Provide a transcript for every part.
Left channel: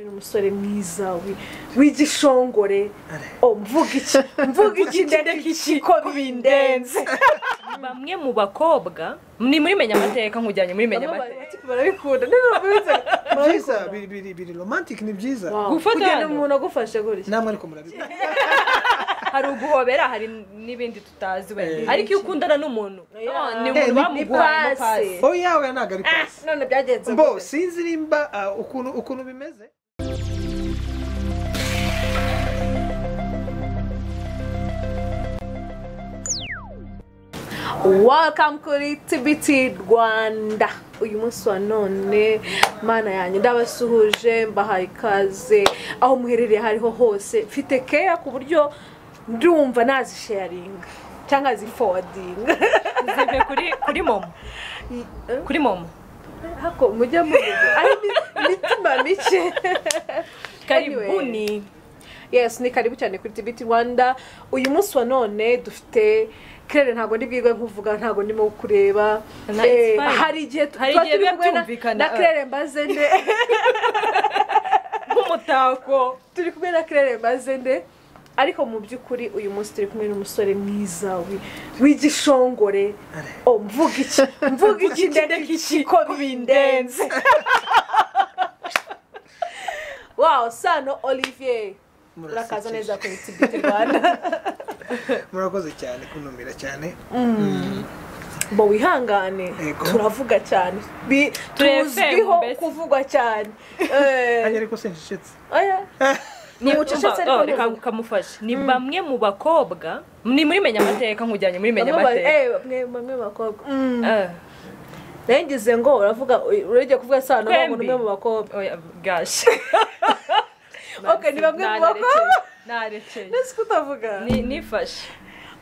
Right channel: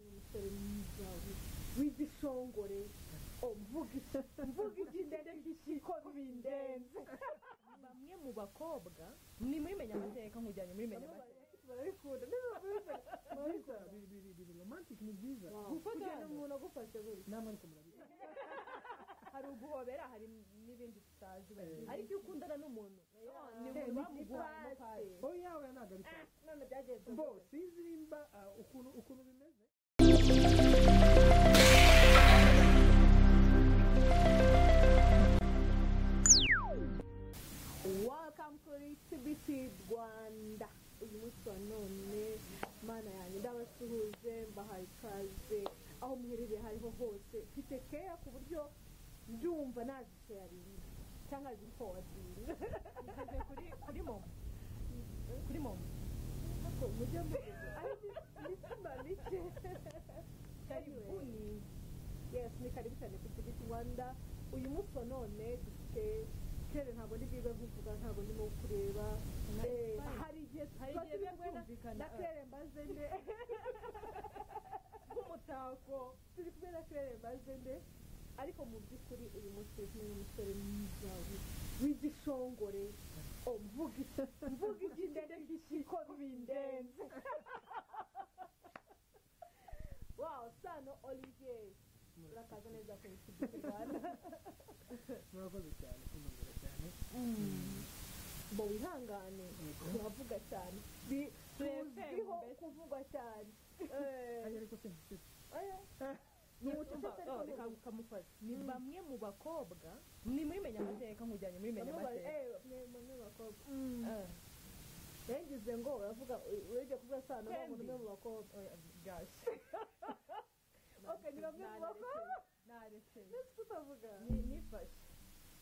umusore mwiza w'igishongore mvuga iki ndetse ko bindenze bamwe mu bakobwa ni muri menya amateka nkujyanye muri menya amateka barabikunda byiza biri romantic ni byiza kugenda umuntu agufashe gutya namwe ariko murabikunda hari uguhobera hari n'ibindi tutazi wenda ariko iyo ukundana n'umuntu ni umuntu bamuguhaye pasi yawe ntago ari pasi none byagenze bo sinzi nimba ukuntu bimeze. Welcome kuri TBT Rwanda. Uyu munsi wa none mana yanjye ndabasuhuje mbahaye ikaze aho muherereye hariho hose. Mfite care ku buryo ndumva nazi sharing cyangwa zi forwarding. Zive kuri momo. Kuri momo. Hako mujya mu ari mitima mike. Karibuni. Yes, ni karibu cyane kuri TBT Rwanda. Uyu munsi wa none dufite Claire ntago ndibwirwe nkuvuga ntago ndimo kureba hari igihe byumvikana na Claire mbaze nde nk'umutako turi kumwe na Claire mbaze nde ariko mu byukuri uyu munsi turi kumwe n'umusore mwiza w'igishongore mvuga iki ndetse ko bindenze wow Sano Olivier urakaza neza kuri TBT Rwanda. Murakoze cyane kunumira cyane bo wihangane turavuga cyane tuzwiho kuvugwa cyane ariko senshitse ni ucecetse reka kamufashe ni bamwe mu bakobwa ni muri menya amateka nkujyanye muri menya amateka bamwe bakobwa nengize ngo uravuga urege kuvuga Sano ngo numwe mu bakobwa gash okay ni bamwe mu bakobwa narekeye nese kutavuga nifashe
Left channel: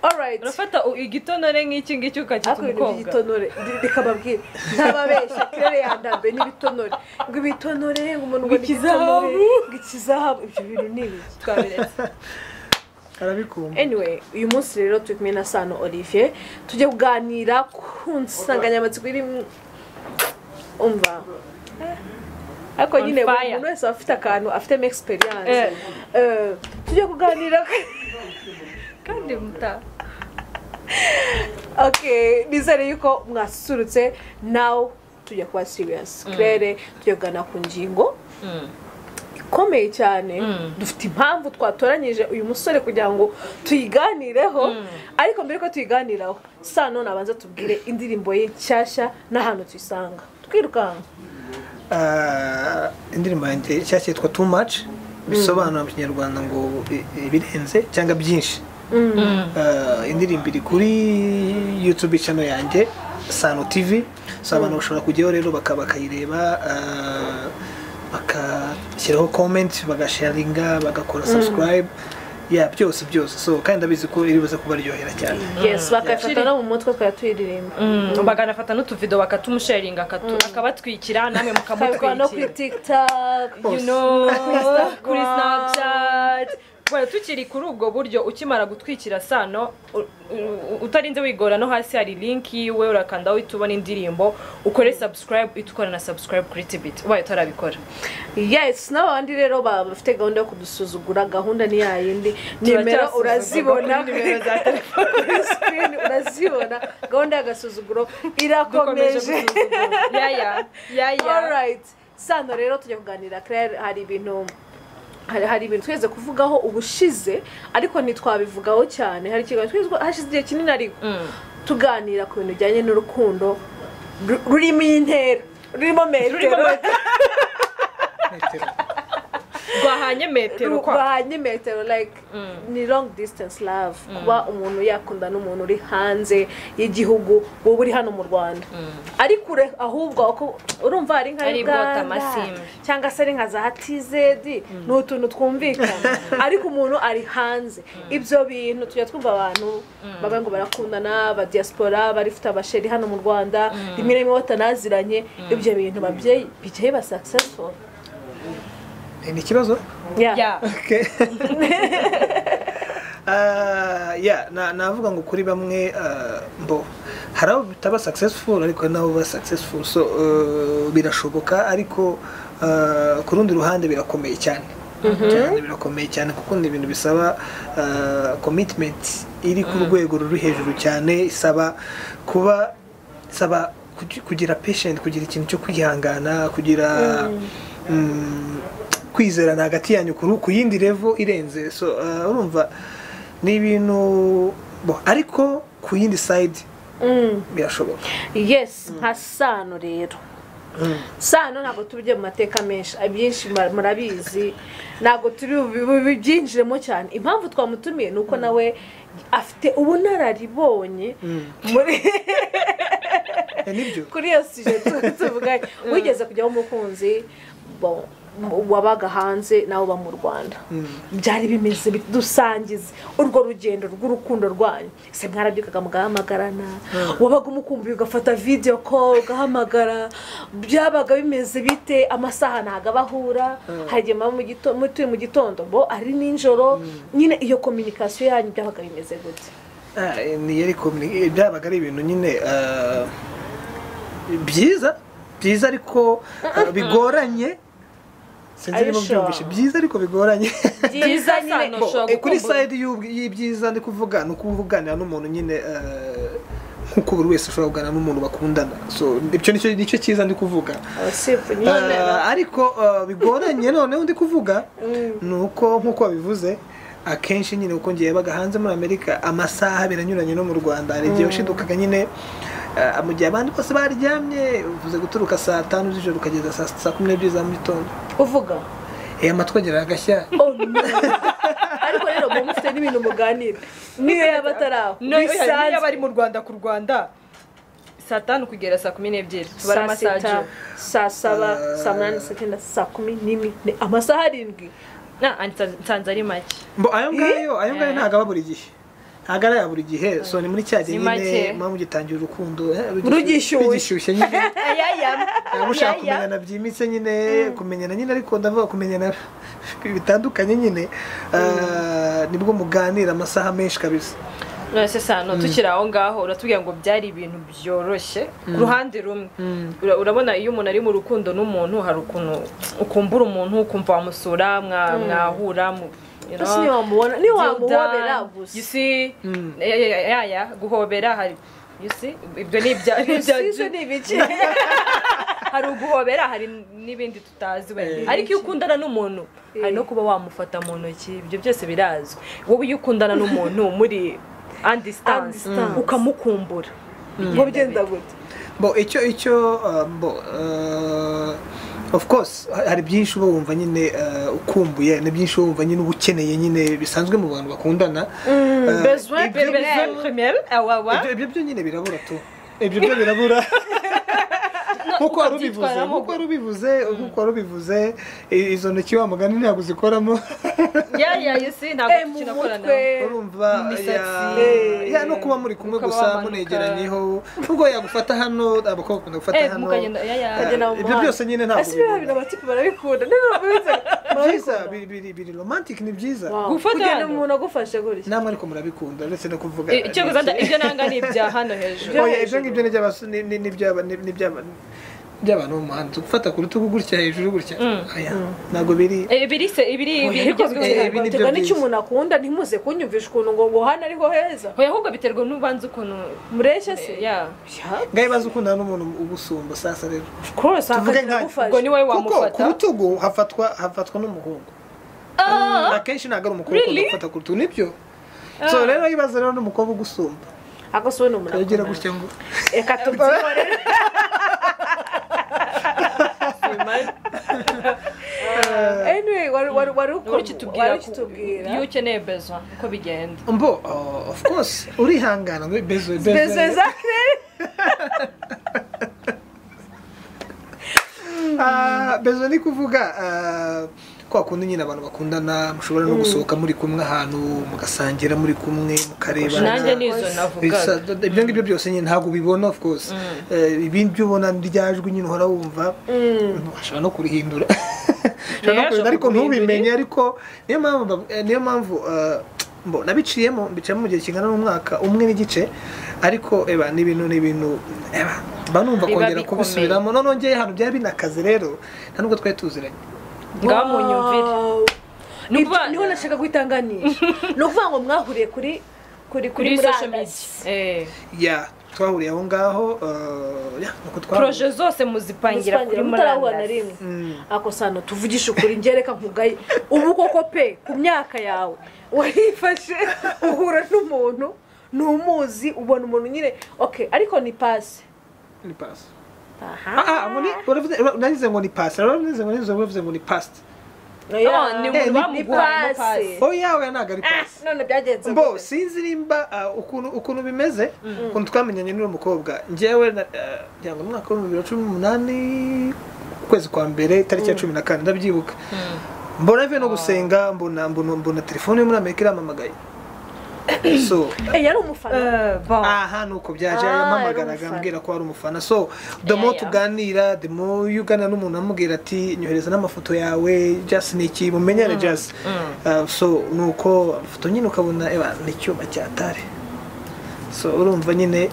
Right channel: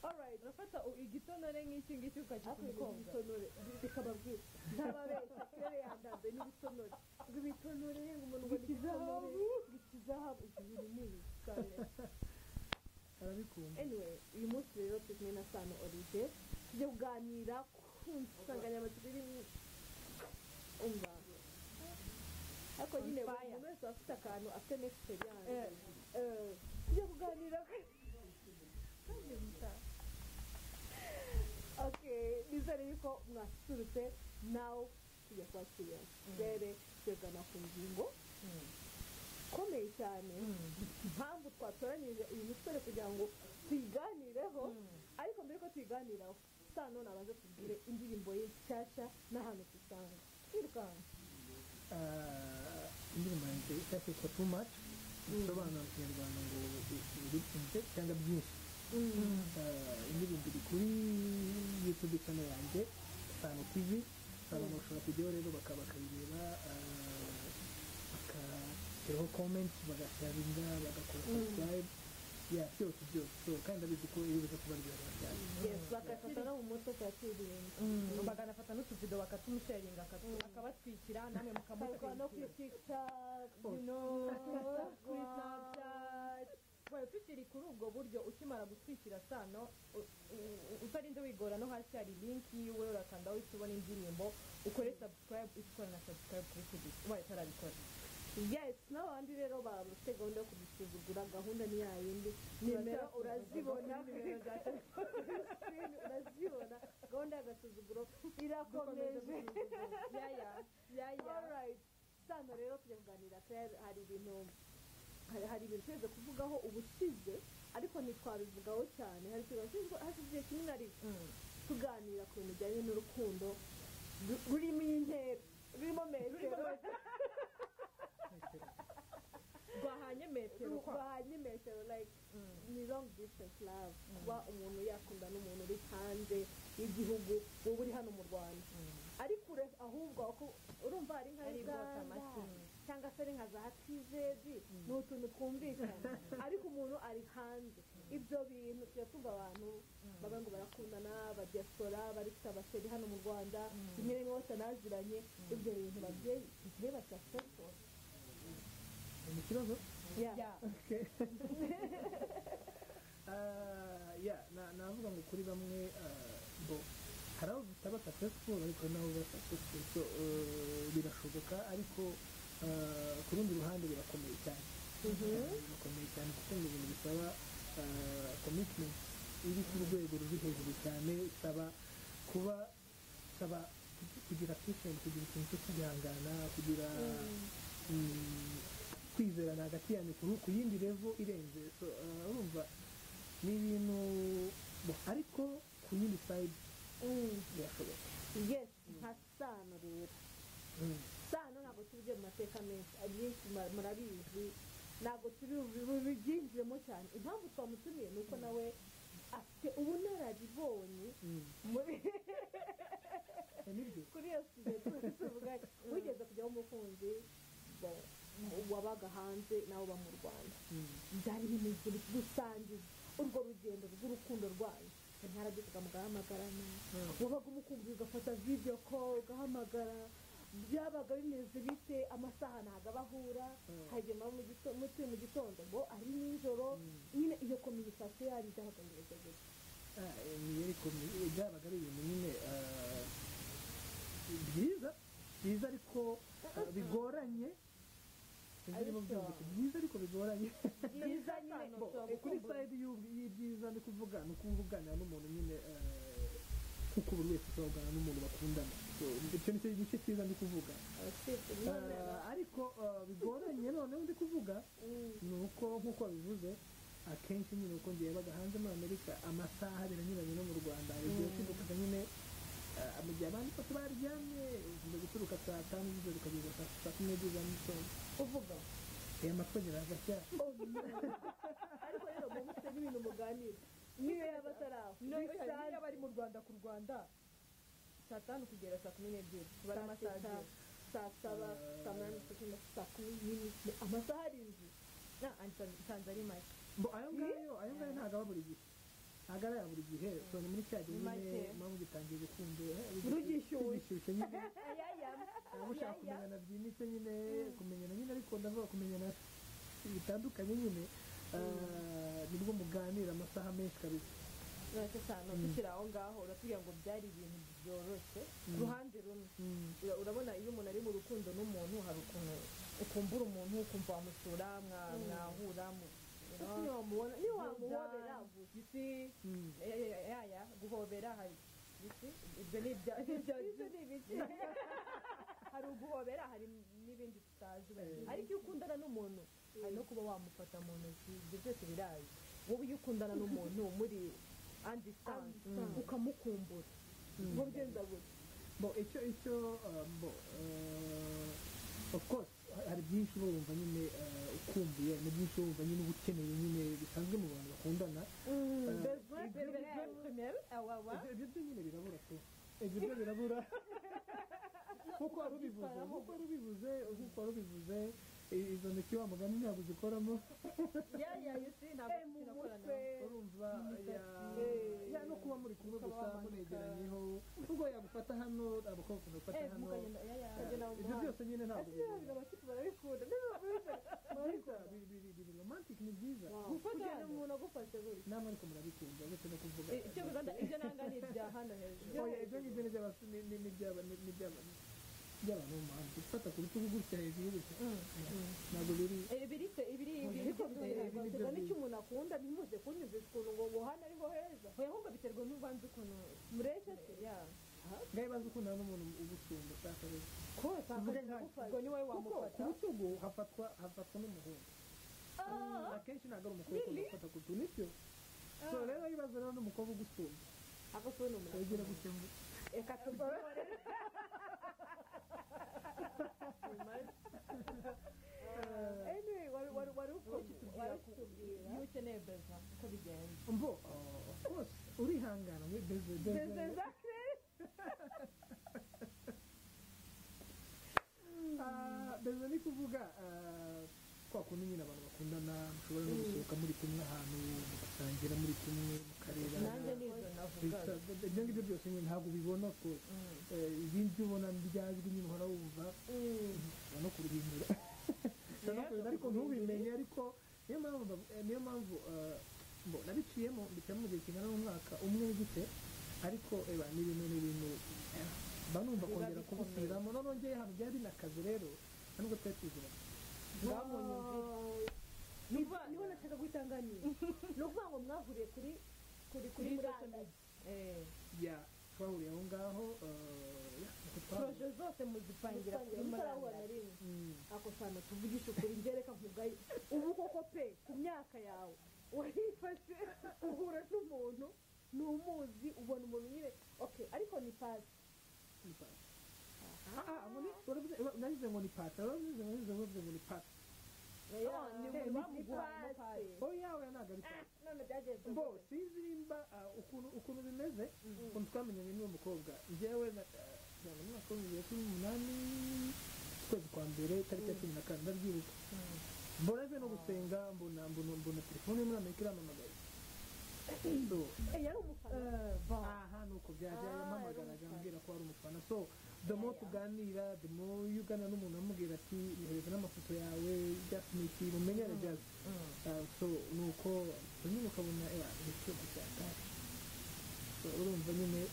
alright urafata igitonore nk'iki ngiki ukakita umukobwa igitonore rikababwira ntababeshya Claire yandambe n'ibitonore ngo ibitonore ngo umuntu ngo ikizahabu ibyo bintu nibi twabiretse arabikumva. Anyway uyu munsi rero turi kumwe na Sano Olivier tujye kuganira ku nsanganyamatsiko iri umva ako nyine umuntu wese afite akantu afite experience tujye kuganira kandi muta okay nizere yuko mwasusurutse now tujye kuba serious Claire tujye kugana ku ngingo ikomeye cyane dufite impamvu twatoranyije uyu musore kugira ngo tuyiganireho ariko mbere ko tuyiganiraho Sano nabanza tubwire indirimbo ye nshyashya n'ahantu tuyisanga twirukanka. Indirimbo yanjye cyashye yitwa Too Much bisobanura mu Kinyarwanda ngo ibirenze cyangwa byinshi. Indirimbo iri kuri YouTube channel yanjye Sano TV, so abantu bashobora kujyaho rero bakayireba bakashyiraho comment bagasharinga bagakora subscribe byose so kandi ndabizi ko iribuze kubaryohera cyane. Yes bakafata no mu mutwe kwa tuyiririmba baganafata n'utuvido bakatumusharinga akabatwikira namwe mukamutwikira no kuri TikTok kuri Snapchat Well tukiri kuri ubwo buryo ukimara gutwikira Sano utarinze wigora no hasi hari link yiwe urakanda witubona indirimbo ukore subscribe itukora na subscribe kuri TBT wayo tarabikora. Yes n'abandi rero bafite gahunda yo kudusuzugura gahunda ni yayindi nimero urazibona nimero za telefone screen urazibona gahunda y'agasuzuguro irakomeje alright Sano rero tujye kuganira Claire hari ibintu tweze kuvugaho ubushize ariko ntitwabivugaho cyane hari ikiganiro hashize igihe kinini ariko tuganira ku bintu bijyanye n'urukundo rurimo intera rurimo metero rwahanye metero like ni long distance love kuba umuntu yakunda n'umuntu uri hanze y'igihugu wowe uri hano mu Rwanda ari kure ahubwo urumva ari nka Uganda cyangwa se ari nka za TZ ni utuntu twumvikana ariko umuntu ari hanze ibyo bintu tujya twumva abantu baba ngo barakundana ba diaspora barifite abasheri hano mu Rwanda rimwe rimwe batanaziranye ibyo bintu babyeyi bicaye ba successful. Ni kibazo? Yeah. Okay. navuga ngo kuri bamwe mbo harabo bitaba successful ariko nabo ba successful so birashoboka ariko ku rundi ruhande birakomeye cyane cyane birakomeye cyane kuko ni ibintu bisaba commitment iri ku rwego ruri hejuru cyane, isaba kugira patient, kugira ikintu cyo kwihangana, kugira kwizerana hagati yanyu ku yindi level irenze. So urumva ni ibintu ariko ku yindi side birashoboka. Yes, nka Sano rero. Sano ntabwo tujye mu mateka menshi, abyinshi murabizi, ntabwo turi byinjiremo cyane. Impamvu twamutumiye nuko nawe afite ubunararibonye muri kuri iyo sujet tuvuga. Wigeze kujyaho umukunzi wabaga hanze nawe uba mu Rwanda, byari bimeze dusangiza urwo rugendo rw'urukundo rwanyu. Se mwarabyukaga mugahamagarana, wabaga umukumbuye ugafata video call ugahamagara, byabaga bimeze bite? Amasaha ntago abahura, hagema mu gitondo ari ninjoro, nyine iyo communication yanyu byabaga bimeze gute? Ni yari byabaga ari ibintu nyine byiza ariko bigoranye. Sinzi byumvishe byiza ariko bigoranye. Byiza nyine kuri side y'ibyiza ndi kuvuga no kuvuganira n'umuntu nyine nkuko buri wese ashobora kuganira n'umuntu bakundana. So nicyo cyiza ndi kuvuga. Ariko bigoranye noneho ndi kuvuga nuko nkuko babivuze akenshi nyine uko ngiye baga hanze muri Amerika amasaha biranyuranye no mu Rwanda. Hari igihe ushidukaga nyine mu gihe abandi bose baryamye, uvuze guturuka saa 5 z'ijoro ukageza saa 12 za mu gitondo uvuga amatwi agera agashya. Ariko rero mufite n'ibintu muganira niyo yabataraho bisanzwe bari mu Rwanda ku Rwanda saa 5 kugera saa 12 tubara amasaha saa 7 saa 8 saa 9 saa 10 amasaha 7 nsanze ari make. Ayo ngayo ntago aba buri gihe, ntago ari buri gihe. So ni muri cyaje nyine mpamvu gitangira urukundo rugishyushye nyine mushaka kumenyana byimitse nyine, kumenyana nyine, ariko ndavuga kumenyana bitandukanye nyine nibwo muganira amasaha menshi kabisa. Nose Sano tukiri aho ngaho uratubwira ngo byari ibintu byoroshye ku ruhande rumwe. Urabona iyo umuntu ari mu rukundo n'umuntu hari ukuntu ukumbura umuntu ukumva wamusura mwahura ni wamuhobera gusa. You see guhobera hari, you see ibyo ni ibiki hari uguhobera, hari n'ibindi tutazi wenda. Ariko iyo ukundana n'umuntu hari no kuba wamufata mu ntoki, ibyo byose birazwi. Wowe iyo ukundana n'umuntu muri distance ukamukumbura ngo bigenda gute? Of course hari byinshi uba wumva nyine ukumbuye, na byinshi wumva nyine ubukeneye nyine bisanzwe mu bantu bakundana. Ibyo nyine birabura tu, ibyo birabura. Nkuko warubivuze izo ntoki wa mugani ntabwo zikoramo. ntabwo kinakorana urumva no kuba muri kumwe gusa munegeranyeho, ubwo yagufata hano abakobwa bakunda gufata hano, ibyo byose nyine ntabwo ibintu abatipe barabikunda. biri romantic, ni byiza gufata umuntu agufashe gutya, namwe ariko murabikunda uretse no kuvuga icyo guzanda ibyo nanga ni ibya hano hejuru. Ibyo ngibyo ni by'abantu mu muhanda gufata ku rutugu gutya hejuru gutya, ntabwo biri bigezweho. N'icyo umuntu akunda ntimuze kunyumvisha ukuntu ngo hano ariho heza, ahubwo biterwa n'ubanza ukuntu mureshya se. ngaho baza ukundana n'umuntu ugusumba. Sasa rero tuvuge ubwo ni wowe wamufata ku rutugu hafatwa n'umuhungu akenshi, ntabwo ari umukobwa ugufata ku rutugu. Nibyo. So rero ibaza rero n'umukobwa ugusumba agasobe n'umuntu yagira gutya ngo eka tubyihore. Anyway, wari ukitubwira iyo ukeneye bezo uko bigenda. Of course urihangana ngo bezo exactly. Bezo ni kuvuga kwa kundi nyine abantu bakundana mushobora no gusohoka muri kumwe ahantu mugasangira muri kumwe mukareba. Nanjye nizo navuga ibyo ngibyo byose nyine ntabwo bibona. Of course ibindi byo ubona ryajwe nyine uhora wumva ushobora no kurihindura ariko ntubimenye. Ariko niyo mpamvu nabiciyemo mu gihe kingana n'umwaka umwe n'igice, ariko ni ibintu mba numva Biba kongera bikomeye. kubisubiramo none ngeye hano byari binakaze rero nta nubwo twari tuziranye ngaho munyumvire Wow. Ni ukuvuga- niho nashaka guhitanganisha ni ukuvuga ngo mwahuriye kuri kuri social murandasi. media ya twahuriye aho ngaho nuko twahuriye proje zose muzipangira kuri mutarahura na murandasi rimwe ako sano tuvugisha ukuri ngereka nkugaye ubu koko pe ku myaka yawe warifashe uhura n'umuntu ntumuzi ubona umuntu nyine okay ariko ni pasi ni pasi aha nagize ngo ni pasi nagize ngo ni past ni umuntu bamuguhaye pasi oh yawe ntabwo ari pasi none byagenze bo sinzi nimba ukuntu bimeze ukuntu twamenyanye n'uwo mukobwa njyewe ngira ngo mu mwaka wa 2018 ukwezi kwa mbere tariki ya 14 ndabyibuka mbona avuye no gusenga mbona telefone yo muri Amerika iramamagaye so yari umufana aha nuko byaje yampamagaraga ambwira ko ari umufana so the more tuganira the more yugana n'umuntu amubwira ati nyohereza n'amafoto yawe just niki mumenyane just so nuko amafoto nyine ukabona ni icyuma cyatare so urumva nyine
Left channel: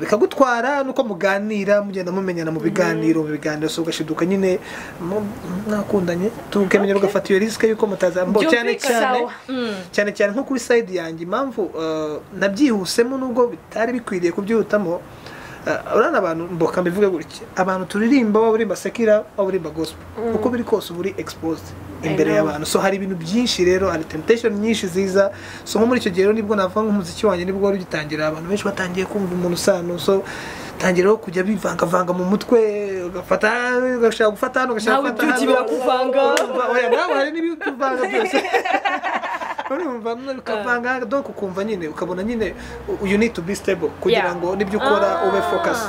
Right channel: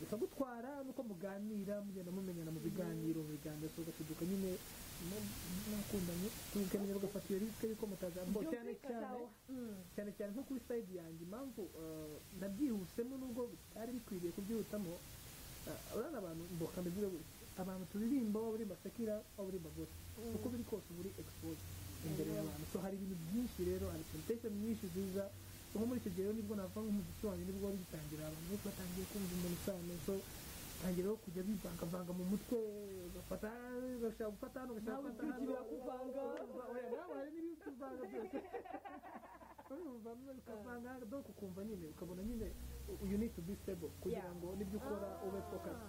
bikagutwara nuko muganira mugenda mumenyana mu biganiro so ugashiduka nyine mwakundanye tukemenya ugafata iyo risk yuko mutazambo cyane nko kuri side yanjye impamvu nabyihusemo nubwo bitari bikwiriye kubyihutamo urana abantu mboka mbivuge gutya abantu turirimba baburimba sekira baburimba gospel uko biri kose uburi exposed imbere y'abantu so hari ibintu byinshi rero hari temptation nyinshi ziza so nko muri icyo gihe nibwo navuga nk'umuziki wanjye nibwo wari ugitangira abantu benshi batangiye kumva umuntu sano so tangiraho kujya bivanga mu mutwe ugashaka gufata hano ugashaka gufata hano birakuvanga oya nawe hari n'ibivanga byose urumva ukavanga donc ukumva nyine ukabona nyine you need to be stable kugira ngo nibyo ukora ube focus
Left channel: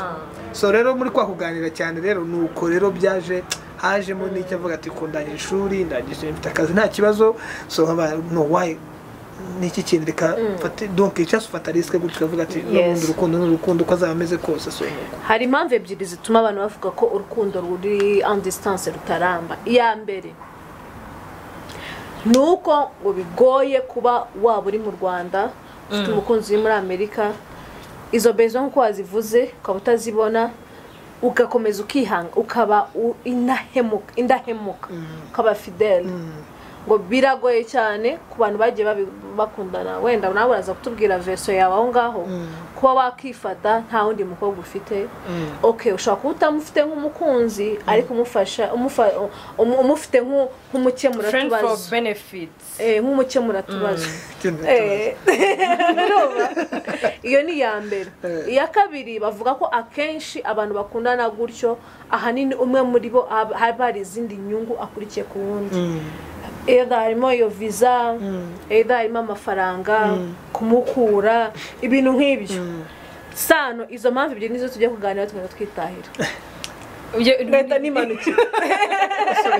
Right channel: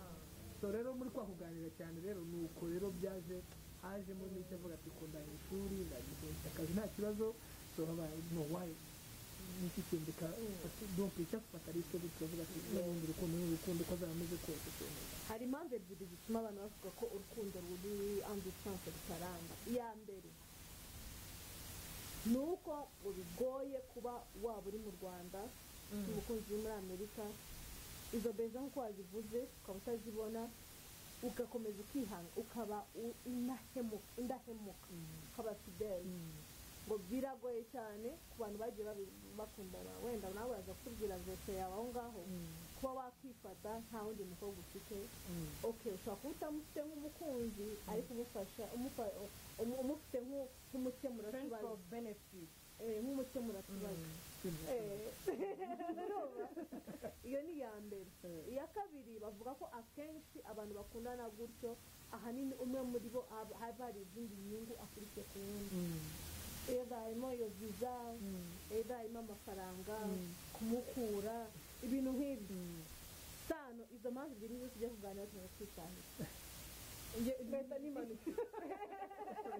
so rero muri kwa kuganira cyane rero nuko rero byaje hajemo n'icyo avuga ati kundangije ishuri ndangije mfite akazi nta kibazo so no why niki kintu reka donc icyo ufata risk gutyo ukavuga ati n'urukundo uko azaba ameze kose so hari impamvu ebyiri zituma abantu bavuga ko urukundo ruri en distance rutaramba iya mbere nuko ngo bigoye kuba waba uri mu Rwanda ufite umukunzi uri muri Amerika izo bezo nkuko wazivuze ukaba utazibona ugakomeza ukihanga ukaba indahemuka ukaba fidele ngo biragoye cyane ku bantu bagiye bakundana wenda nawe uraza kutubwira verso yawe aho ngaho kuba wakifata nta wundi mukobwa ufite okay ushobora kuba utamufite nk'umukunzi ariko umufite nk'umukemura tubazo nk'umukemura tubazo iyo ni iya mbere iya kabiri bavuga ko akenshi abantu bakundana gutyo ahanini umwe muri bo haba hari izindi nyungu akurikiye ku wundi either harimo iyo visa either harimo amafaranga kumukura ibintu nk'ibyo sano izo mpamvu ebyiri nizo tujya kuganira tugenda twitahira leta n'imanukire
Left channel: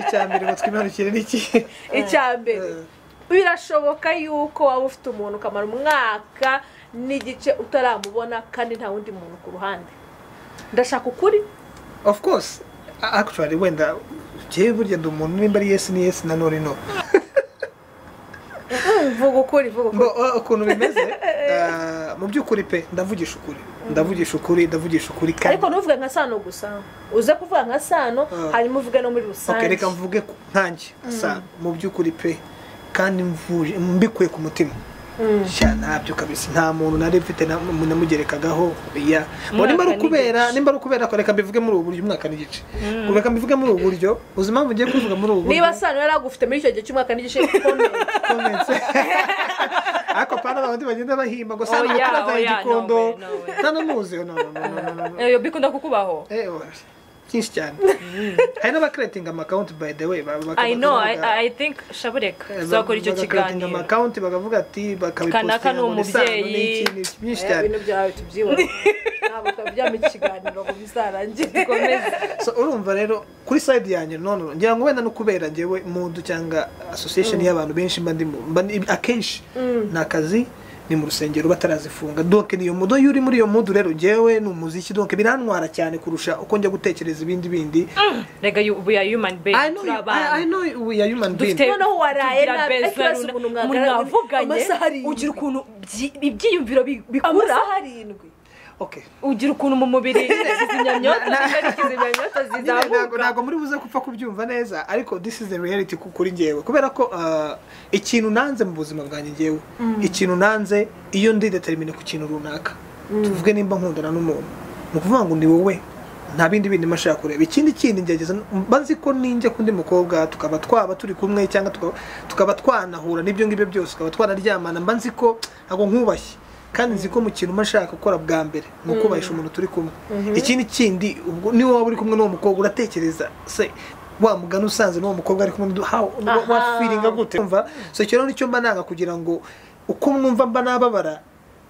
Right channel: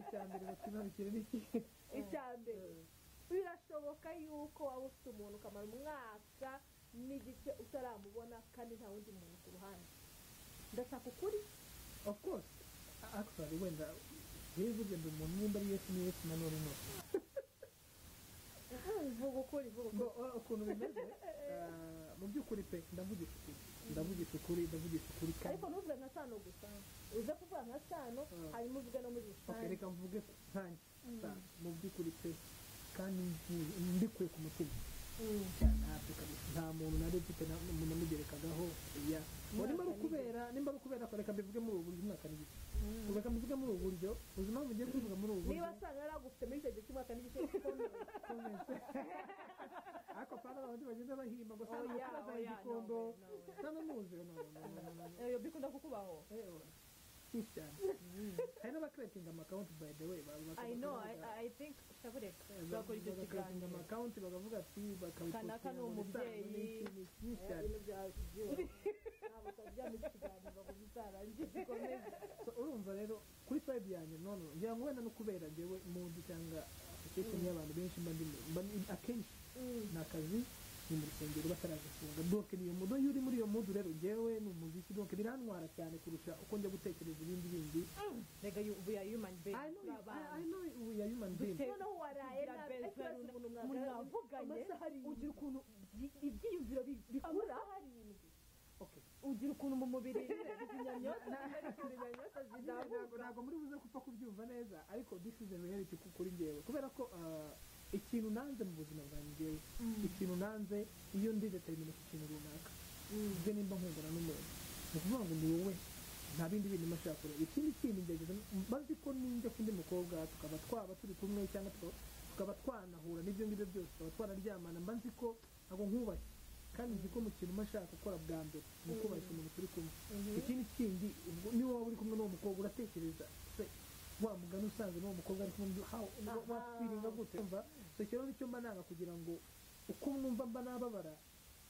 icyambere ngo twimanukire n'iki icyambere birashoboka yuko waba ufite umuntu ukamara umwaka n'igice utaramubona kandi nta wundi muntu ku ruhande ndashaka ukuri of course actually wenda jewe burya ndi umuntu nimba ari yes ni yes na no no vuga ukuri ukuntu bimeze mu by'ukuri pe ndavugisha ukuri kandi ariko ntuvuge nka sano gusa uze kuvuga nka sano hanyuma uvuge no muri rusange okay reka mvuge nkanjye sano mu by'ukuri pe kandi mbikuye ku mutima ntabyo kabisa nta muntu nari mfite namugerekagaho nimba ari ukubera ko reka mbivuge muri ubu buryo umwaka n'igice reka mbivuge muri ubu buryo uzi impamvu ugiye kubivuga muri ubu buryo niba sano yari agufite muri icyo gihe cy'umwaka n'igice comment ariko pana abandi bagenda bahimba ngo sano turazaye igikondo ntanamuzi iyo bikunda kukubaho byinshi cyane hari n'abakreating account by the way I know I think shabureka zakora icyo kiganiro account bakavuga ati kanaka ni umubyeyi byinshi cyane ibintu byawe tubyibona ntabwo twabyama ikiganiro ngo bizarangire so urumva rero kuri side yanjye none ngira ngo wenda no kubera njyewe mundu cyangwa association y'abantu benshi akenshi nakazi ni mu rusengero batarazifunga donc niyo mudo yuri muri iyo mudo rero jewe ni umuziki donc birantwara cyane kurusha uko njya gutekereza ibindi rega we are human beings I know we are human beings noneho waraye nabibaza umuntu mwavuganye ugira ukuntu ibyiyumviro bikura okay ugira ukuntu mu mubiri kizimyamyoto ari kizimyamyoto zizamuka ntabwo muri buze gupfa kubyumva neza ariko this is the reality kuri njyewe kubera ko ikintu nanze mu buzima bwanjye njyewe ikintu nanze iyo ndi determine ku kintu runaka tuvuge nimba nkundana n'umuntu ni ukuvuga ngo ni wowe nta bindi bindi mashaka kureba ikindi ngerageza mbazi ko ninjya kundi mukobwa tukaba twaba turi kumwe cyangwa tukaba twanahura n'ibyo ngibyo byose tukaba twanaryamana mbanzi ko ntabwo nkubashye kandi nzi ko mu kintu mashaka gukora bwa mbere ni ukubahisha umuntu turi kumwe ikindi ubwo niwe waba uri kumwe n'uwo mukobwa uratekereza se wa mugani usanze n'uwo mukobwa ari kumwe wa feeling gute umva so icyo nicyo mba nanga kugira ngo uko mwumva mba nababara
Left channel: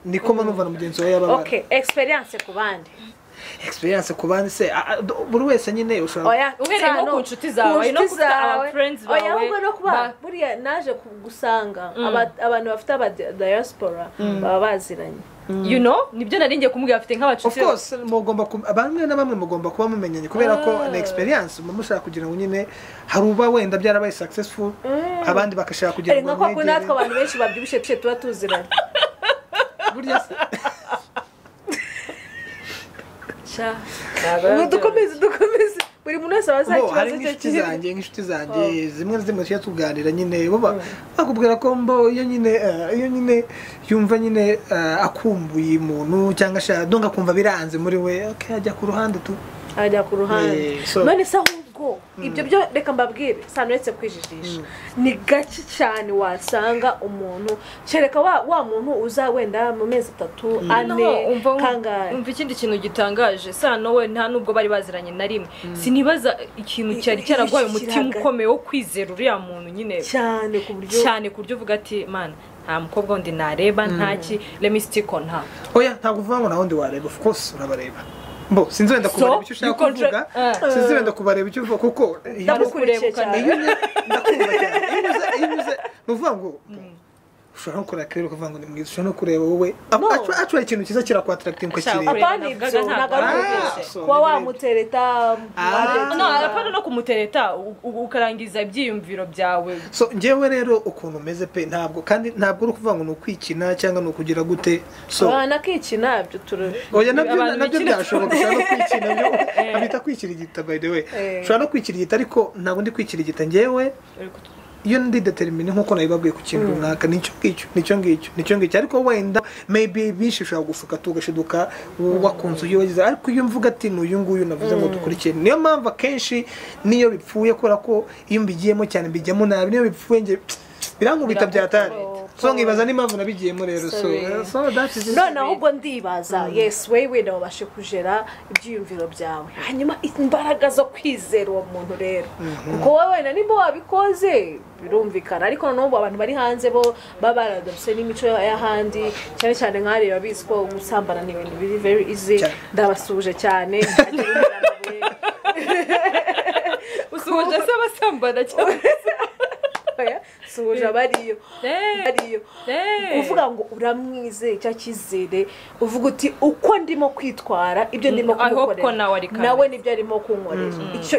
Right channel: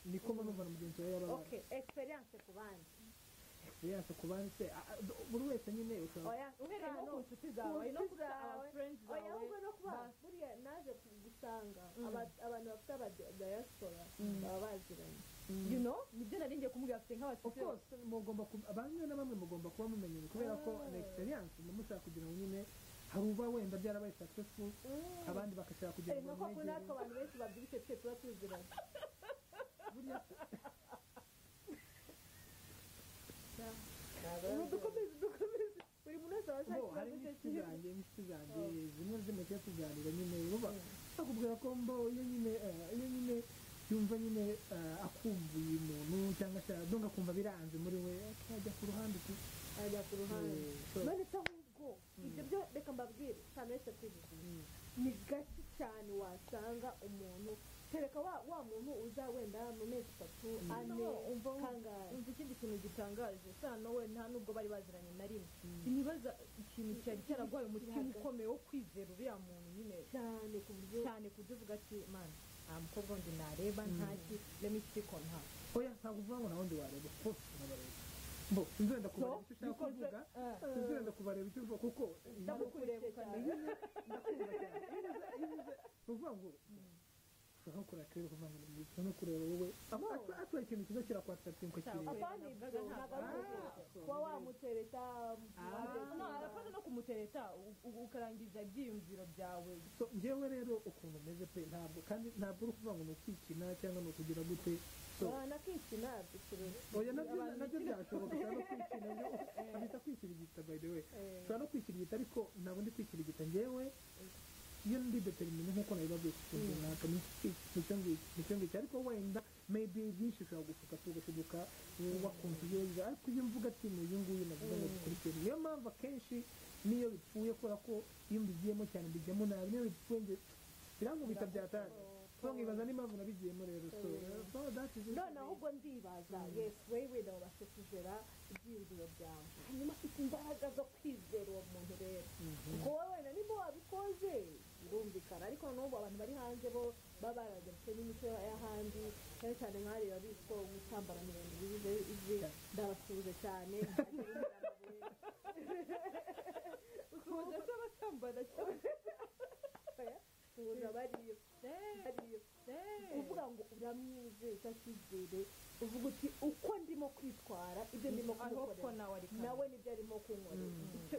niko mba numva na mugenzi wawe yababara okay experience ku bandi experience ku bandi se buri wese nyine ushobora uhereye nko ku nshuti zawe no ku aba friends bawe oya ahubwo no kuba buriya naje gusanga abantu bafite aba diaspora baba baziranye you know nibyo naringiye kumubwira afite nk'abacuti of course mugomba bamwe na bamwe mugomba kuba mumenyanye kubera ko na experience mushaka kugira ngo nyine haruba wenda byarabaye successful abandi bakashaka kugira ngo nko natwe abantu benshi babyibushe tuba tuziranye burya dukomeze buri muntu wese abaza ikibazo cye kiri nk'inshuti zanjye zimwe na zimwe tujya tuganira nyine bakubwira ko iyo nyine yumva nyine akumbuye umuntu cyangwa ashaka donga kumva biranze muri we ajya ku ruhande ajya ku ruhande none se ahubwo ibyo byo reka mbabwire sano uretse kwijijisha ni gake cyane wasanga umuntu kereka wa muntu uza wenda mu mezi 3 ane kangahe umva ikindi kintu gitangaje sano we nta nubwo bari baziranye na rimwe sinibaza ikintu cyari cyaragwaye umutima ukomeye wo kwizera uriya muntu nyine cyane ku buryo uvuga ati man nta mukobwa wundi nareba ntaki let me stick on her oya ntabwo uvuga ngo na wundi wareba of course urabareba mbo sinzi wenda kubareba icyo ushaka kuvuga sinzi wenda kubareba icyo uvuga kuko ndakureba cyane ndakumva cyane iyo uze nuvuga ngo ushobora no kureba rero ukavuga ngo ni mwiza ushobora no kureba wowe actually ikintu cyiza kirakwatracting ko kireba apana ibyo nagaruke kuba wamutereta apana no kumutereta ukarangiza ibyiyumviro byawe so njyewe rero ukuntu umeze pe ntabwo uri kuvuga ngo ni ukwikina cyangwa ni ukugira gute so nakikina ibyo oya nabyo byashoboka ushobora no kwikina byo abita kwikirigita by the way ushobora no kwikirigita ariko ntabwo ndi kwikirigita njyewe iyo ndi determine nkuko nabibabwiye ku kintu runaka nicyo ngicyo ariko wenda maybe bishi ushobora gufuka tugashiduka wakunze uyo wagize ariko iyo mvuga ati n'uyu nguyu navuze ngo dukurikiye niyo mpamvu akenshi niyo bipfuye kubera ko iyo mbigiyemo cyane mbijyamo nabi niyo bipfuye nge birankubita byatari so nkibaza n'impamvu nabigiyemo rero so that is none ahubwo ndibaza yes wewe wabashe kujera ibyiyumviro byawe hanyuma imbaraga zo kwizera uwo muntu rero kuko wowe na nimba wabikoze birumvikana ariko n'ubu abantu bari hanze bo babaradose n'imico y'ahandi cyane cyane nk'ari babizi ko gusambana ni ibintu biri very easy ndabasuje cyane usuje se abasambana cyane suje bariyo uvuga ngo uramwizeye cya kizere uvuga uti uko ndimo kwitwara ibyo ndimo kumukorera nawe nibyo arimo kunkorera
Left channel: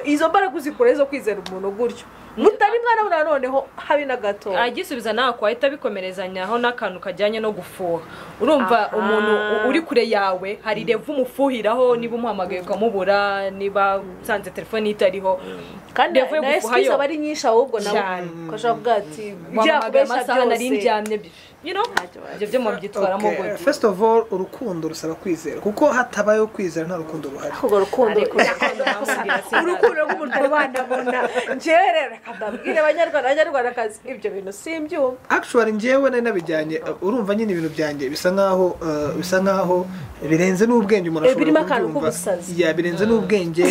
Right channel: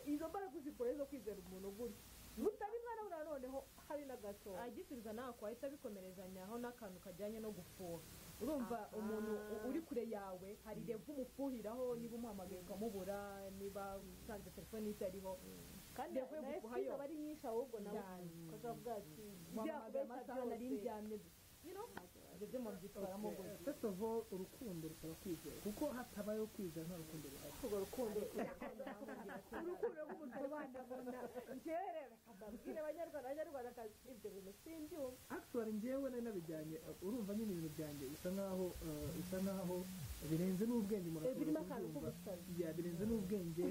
izo mbaraga uzikora zo kwizera umuntu gutyo mutari mwana noneho habi na gato agisubiza nawe kwahita bikomerezanyaho n'akantu kajyanye no gufuha urumva umuntu uri kure yawe hari revu umufuhiraho niba umuhamagaye ukamubura niba usanze telefone itariho kandi na excuse aba ari nyinshi ahubwo nawe ukashaka kuvuga ati wahamagaye amasaha nari ndyamye ibyo mu byitwaramo gute first of all urukundo rusaba kwizera kuko hatabayeho kwizera nta rukundo ruhari ahubwo urukundo rw'umuntu rwandabona njyewe rero kadabwire abanyarwandakazi ibyo bintu simbyumva actually njyewe nari nabijyanye urumva nyine ibintu byanjye bisa nkaho birenze n'ubwenge umuntu ashobora kubyumva birenze n'ubwenge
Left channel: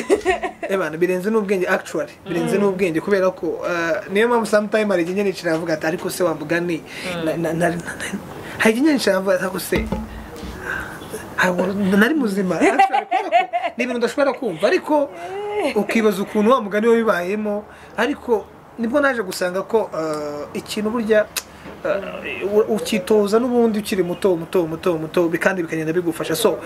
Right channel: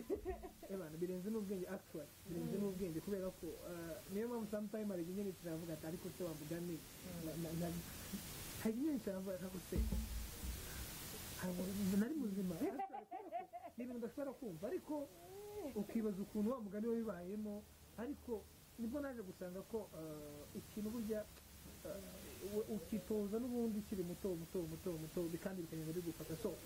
birenze n'ubwenge actually birenze n'ubwenge kubera ko niyo mpamvu sometime hari igihe nicara avuga ati ariko se wambugani hari igihe nicara avuga ati se nari muzima ni ibintu udashobora kumva ariko ukibaza ukuntu wa mugani we bibayemo ariko nibwo naje gusanga ko ikintu burya ukitoza n'ubundi ukiri muto kandi bikagenda bigufasha so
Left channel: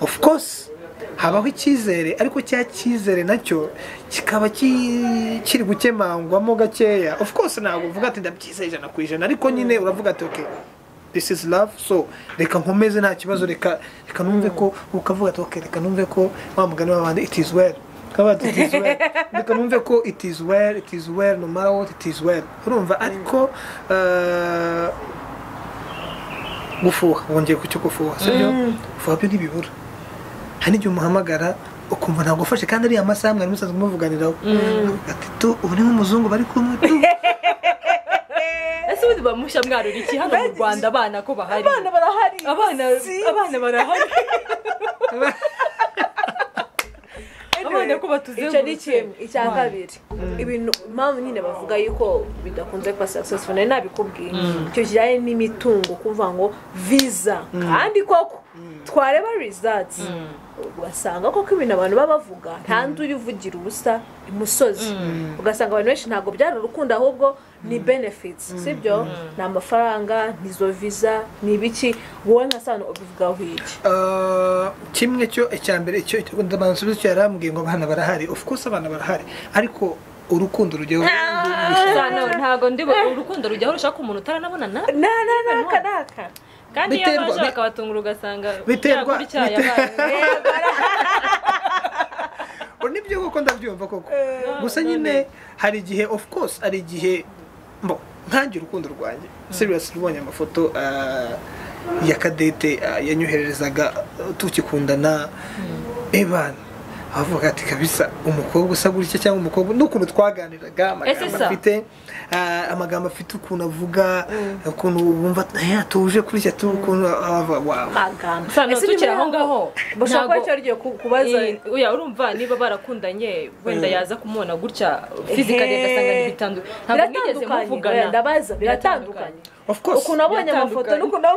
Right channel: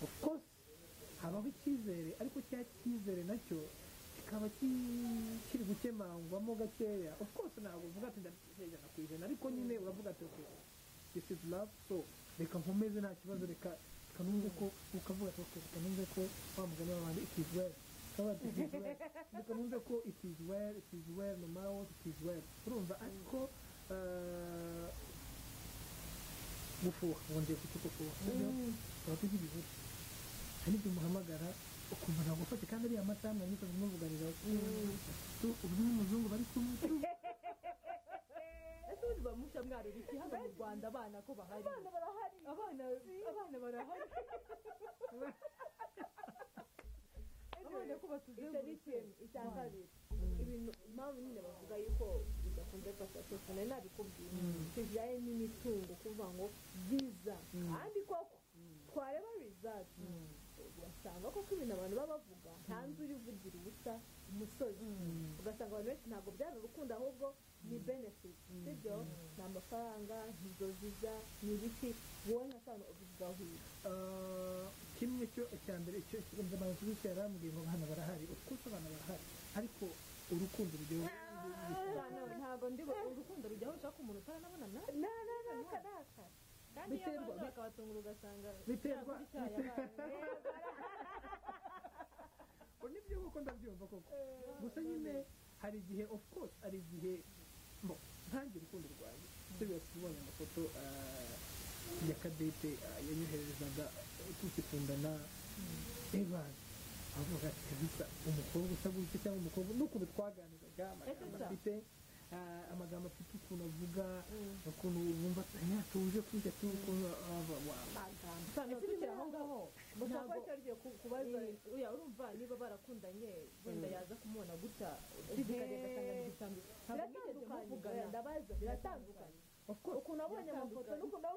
of course habaho icyizere ariko cya cyizere nacyo kikaba kiri gukemangwamo gakeya of course ntabwo uvuga ati ndabyizeye 100% ariko nyine uravuga ati okay this is love, so reka nkomeze nta kibazo, reka numve ko ukavuga ati okay, reka numve ko wa mugani w'abandi it is well, kabati it is well, reka numve ko it is well no matter what, it is well. Urumva ariko gufuha, wongeye ku cyo gufuha, sibyo? Gufuha byo ntibibura. Hari igihe umuhamagara ukumva ntabwo ufashe kandi ari amasaha mwari musanzwe muvuganiraho, ati tu ubu ni nk'umuzungu bari kumwe tu. Ese ubundi bamusha mwarura iki hano mu Rwanda? Abana ko bahari, abana barahari, abana barahari, abana ko icyo ni kimwe. Icya kabiri, ibintu mpamvu nyine bavuga yuko bidakunze kuba successful, nari nabikubwiye, icyo kijyanye n'imitungo, kuvuga ngo visa, kandi koko twareba results ugasanga koko ibintu abantu babavuga nta nduri uvugira ubusa imusozi, ugasanga abantu benshi ntabwo byari urukundo ahubwo ni benefits, sibyo? ni amafaranga, nizo visa, ni ibiki. Wowe nka Sano ubivugaho iki? Kimwe cyo icyambere cyo ndabansubiza cyo yarambwiye ngo abana barahari, of course abana barahari, ariko urukundo rujyaho ntago ndi urukundo rujyaho rushaka umuntu utaranabonana naka kandi iyo baje bakabatungura ugasanga biterwa nibyo koko ndabyumva koko, gusa nyine hari igihe of course ari igihe nkangira urukundo rwanjye serious, rubonye amafoto ya Kadete yanyohererezaga tukikundana, ebana avuga ati kabisa umukobwa usa gutya cyangwa umukobwa n'ukuntu twaganiraga, amagambo afite ukuntu avuga, ukuntu wumva yatuje kuri cyo ukuntu magambo. Sano tukira aho ngaho bashaka ko cyo kubaza, uya urumva niba barakundanye wenda yaza kumubona gutya physically gasanga ntibitandu, ntabwo nigeze muvugana, ndabaza biratandukanye. Of course ukuntu abonye amafoto n'ukuntu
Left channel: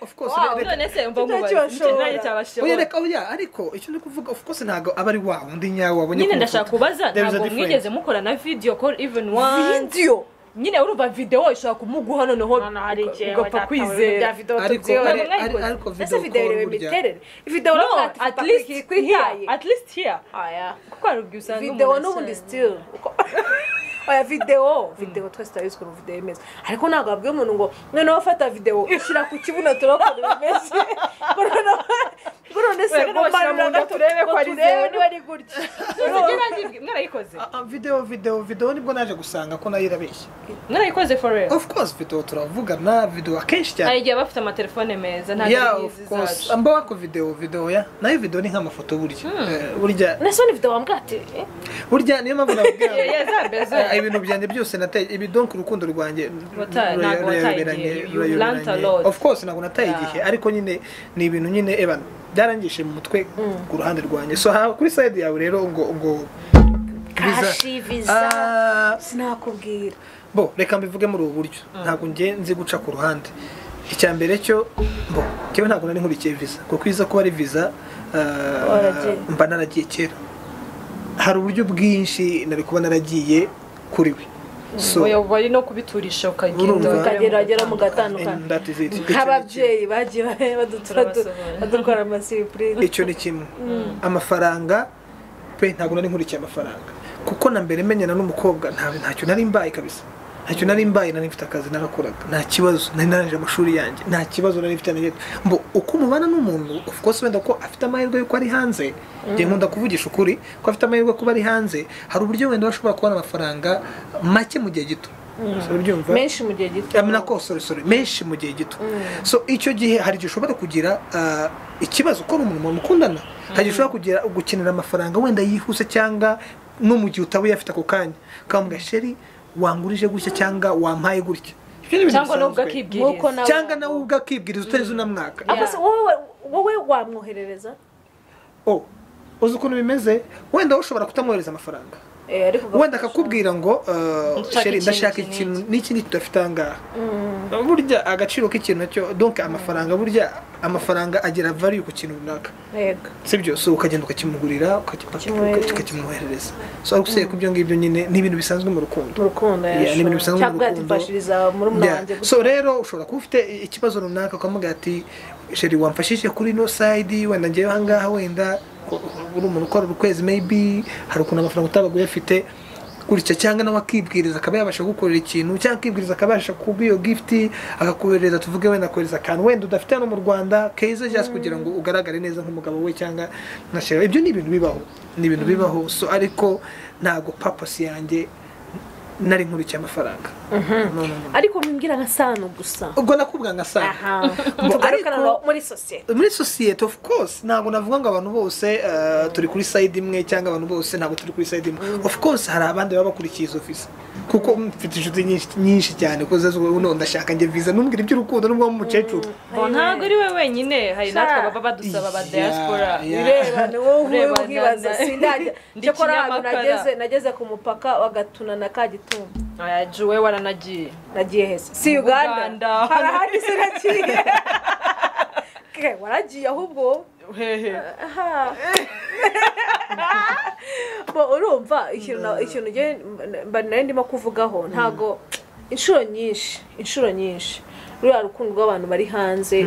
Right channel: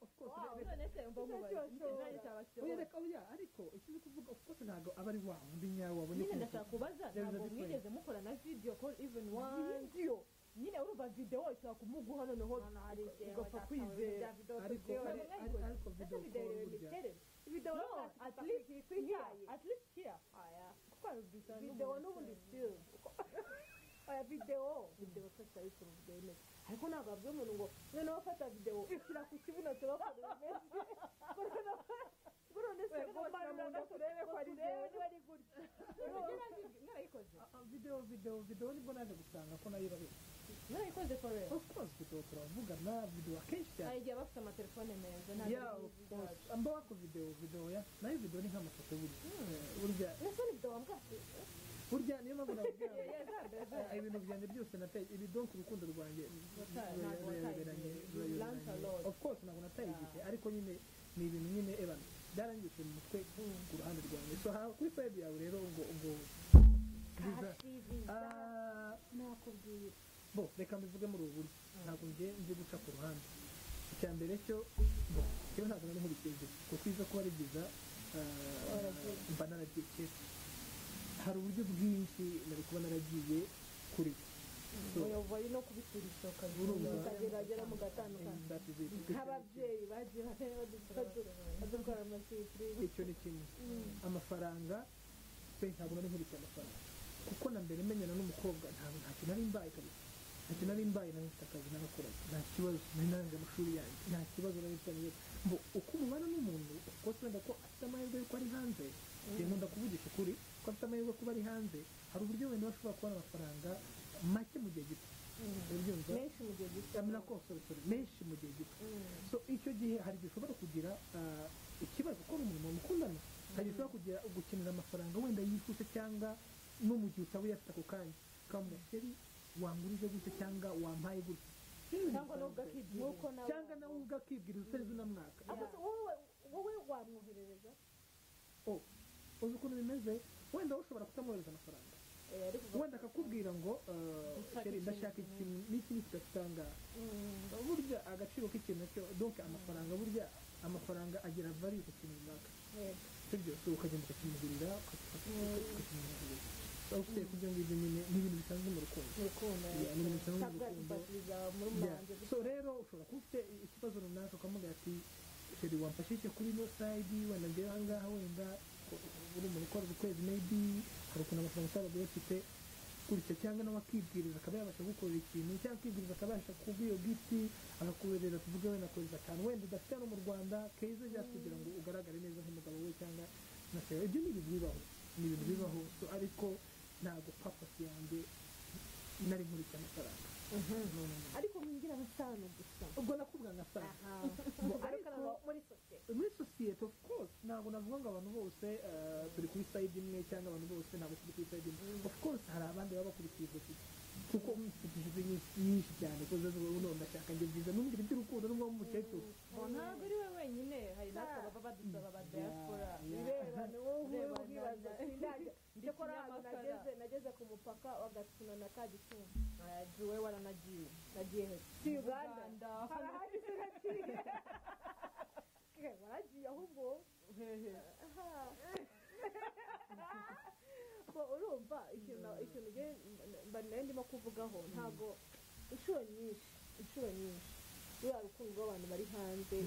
of course none se umva nkubaye cyabashobora reka ariko icyo ndi kuvuga of course ntago aba ari wa undi nyawe wabonye. Nyine ndashaka kubaza, ntabwo mwigeze mukora na video call even once? Video nyine urumva video ishaka kumuguha noneho ugapfa kwizera, ariko video call imiterere video at least here kuko arubwi usanga video n'ubundi still video twese turabizi ko video imeze, ariko ntabwo abwiye umuntu ngo noneho fata video ushyira ku kibuno turakora imeze none se ngo turebe ko ari niba ari gutya mwarayikoze video nibwo naje gusanga ko nayo irabeshya. Mwarayikoze for real? Of course video turavugana, video akenshi cyane igihe bafite amatelefone meza nta n'izi zacu ambaho ko video ya nayo video ni nk'amafoto burya nasone video wambwate burya niyo mpamvu nabwira yezabezo ibintu byanjye byose nateye ibi donc urukundo rwanjye ntabwo wataye, of course ntabwo nataye igihe, ariko nyine ni ibintu nyine ebana byarangishe mu mutwe ku ruhande rwanjye. So kuri side yawe rero ngo visa sinakubwira reka mbivuge muri ubu buryo, ntabwo nzi guca ku ruhande. Icyambere cyo cyewe ntabwo nari nkurikiye visa, kuko iza kuba ari visa mba naragiye kera, hari uburyo bwinshi nari kuba naragiye kuri we, so wari no kubiturisha ukagera mu gatandukanye nk'ababyeyi bagiye badutwara amasipurize. Icyo ni kimwe. Amafaranga pe ntabwo nari nkurikiye amafaranga, kuko na mbere menyana n'umukobwa ntacyo nari mbaye kabisa, ntacyo nari mbaye, nari mfite akazi narakoraga, nta kibazo, nari narangije amashuri yanjye, nta kibazo nari mfite na uko mubana n'umuntu of course wenda ko afite amahirwe yuko ari hanze, ngiye nkunda kuvugisha ukuri ko afite amahirwe kuba ari hanze, hari uburyo wenda bashobora kubona amafaranga make mu gihe gito, menshi mu gihe gito, menshi mu gihe gito. So icyo gihe hari igihe ushobora kugira ikibazo ko umuntu mukundana, hari igihe ushobora gukenera amafaranga wenda yihuse, cyangwa no mu gihe utaba uyafite ako kanya ukambwira sheri wangurije gutya cyangwa wampaye gutya, cyangwa nawe ugakibwiriza, cyangwa nawe ugakibwiriza utari unamwaka. wowe wamwoherereza uzi ukuntu bimeze, wenda ushobora kutamwohereza amafaranga, wenda akakubwira ngo sheri ndashaka ikintu n'iki tudafite ahangaha. Burya agaciro k'ikintu nacyo donc amafaranga agira value ku kintu runaka, sibyo? So ukagenda ukakimugurira ukakimwoherereza. So ariko se kubyo ngibyo nyine ni ibintu bisanzwe mu rukundo, ni ibintu bisanzwe mu rukundo. So rero ushobora kuba ufite ikibazo runaka ukamubwira ati sheri wamfashije kuri no side, wenda ngewe ahangaha wenda uri umuntu ukora ukwezi maybe hari ukuntu amafaranga utabaga uyafite, gutya cyangwa nawe akibwiriza akaba yabasha gukorera ikintu cyangwa akibwiriza akabasha kuba iyo gift akakohereza tuvuge wenda akohereza akantu wenda udafite hano mu Rwanda keza just kugira ngo ugaragare neza nk'umugabo we cyangwa nka sheri. Ibyo ni ibintu bibaho so ariko ntago purpose yanjye nari nkurikiye amafaranga. Ariko mbimbwira nka Sano gusa ubwo nakubwa nka Sano tugarukana muri society of course ntabwo navuga ngo abantu bose turi kuri side imwe cyangwa abantu bose ntabwo turi kuri side imwe. Of course hari abandi baba bakurikiye izo visa kuko mfite inshuti nyinshi cyane ko uno ndashaka nge visa numbwira iby'urukundo n'ubwo mu mucecuru ntabwo ari we wenyine hari natwe baba badusaba ba diaspora bireba ni wowe ubwibaza sindajya cyakora nageze ku mupaka wagatuna na Kagitumba juwe waranagiye nagiye hese si Uganda harahandi sinagiye waragiye ahubwo hehe urumva ikintu nari ndimo kuvugaho ntago inshuro nyinshi ruriya rukundo rw'abantu bari hanze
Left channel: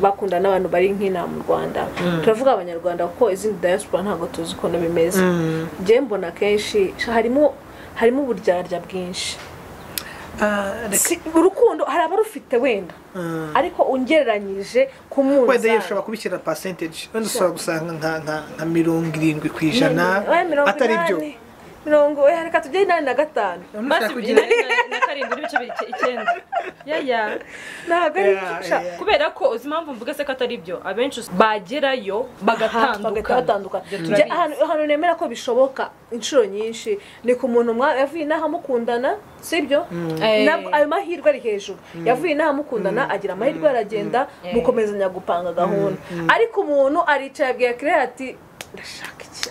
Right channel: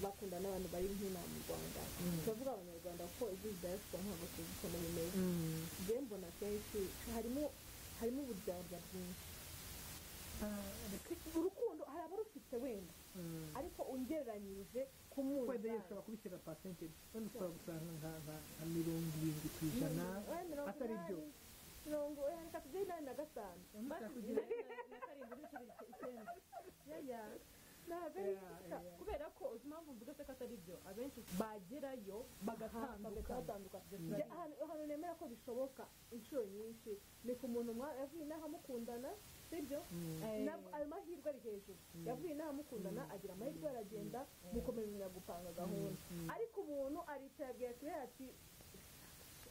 bakunda n'abantu bari nk'ina mu Rwanda turavuga abanyarwanda kuko izindi diaspora ntago tuzi ukuntu bimeze njye mbona kenshi harimo uburyarya bwinshi urukundo hari abarufite wenda ariko ungereranyije ku munsi wenda yashobora kubishyira percentage wenda ushobora gusanga nka 70% atari byo 70 reka tujye 85 basi kugira na 7.9 yaya ntabwo ari kubera ko uzi impamvu mvuga se ko atari byo abenshi bagerayo bagatandukana hano nemera ko bishoboka inshuro nyinshi ni ku muntu yavuye inaha mukundana sibyo ayo mahirwe ari hejuru yavuye inaha mukundana agira amahirwe aragenda mukomezanya gupanga gahunda ariko umuntu aricaye abwiye kire ati ndashaka cyane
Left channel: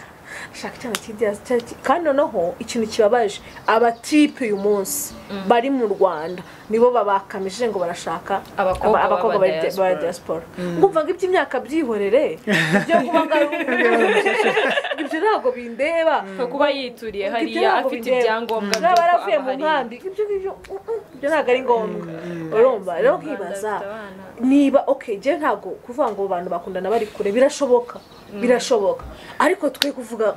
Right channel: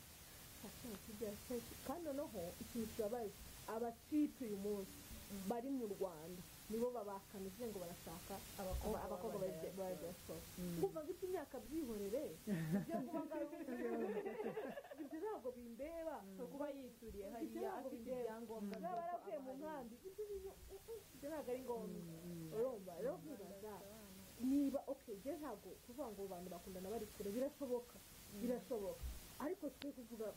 kandi noneho ikintu kibabaje abatipe uyu munsi bari mu Rwanda nibo babakamije ngo barashaka abakobwa ba diaspora ngumva ngo iby'imyaka byihorere ibyo kuba ibyo ntabwo bindeba kuba yituriye hariya afite ibyangombwa baravuye mu nkambi ibyo ntabwo ari ngombwa urumva rero nkibaza niba je ntabwo kuvuga ngo abantu bakundana bari kure birashoboka ariko twe kuvuga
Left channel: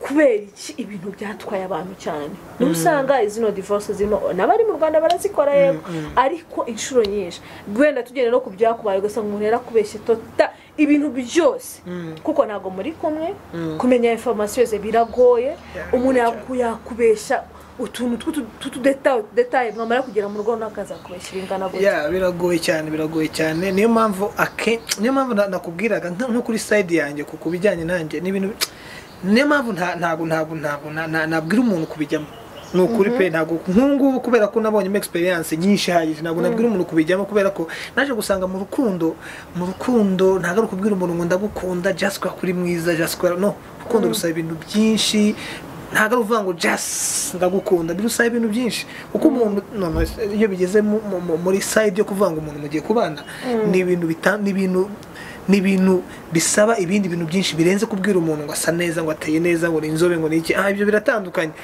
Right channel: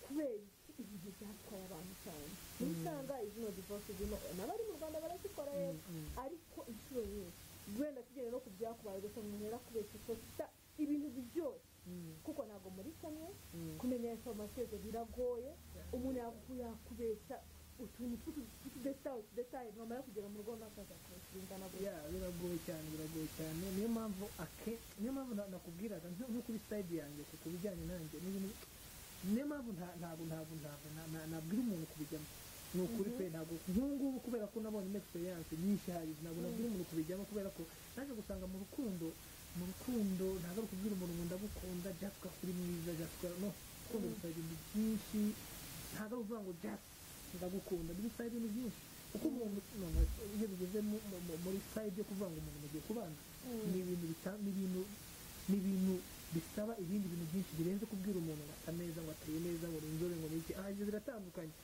kubera iki ibintu byatwaye abantu cyane n'usanga izino divorce zino nabari mu Rwanda barazikora yego ariko inshuro nyinshi gwenda tugende no kubyakubaye ugasanga umuntu yarakubeshye tota ibintu byose kuko ntago muri kumwe kumenya information ze biragoye umuntu yakubeshya utuntu detail mwamara kugera mu rugo nakaza kubeshya ingana gutya biragoye cyane niyo mpamvu nakubwiraga nko kuri side yanjye kuko bijyanye nanjye n'ibintu niyo mpamvu ntabwo nabwira umuntu kubijyamo nukuri pe ntabwo nk'ubu kubera ko nabonyemo experience nyinshi hagije ntabwo nabwira umuntu kubijyamo kubera ko naje gusanga mu rukundo ntabwo ari kubwira umuntu ngo ndagukunda just kuri mwiza just no rukundo rusaba ibintu byinshi ntabwo ari uvuga ngo just ndagukunda birusaba ibintu byinshi kuko umuntu iyo bigeze muri side yo kuvuga ngo umuntu mugiye kubana ni ibintu bisaba ibindi bintu byinshi birenze kubwira umuntu ngo asa neza ngo ateye neza ngo ni inzobe ngo ni iki ibyo biratandukanye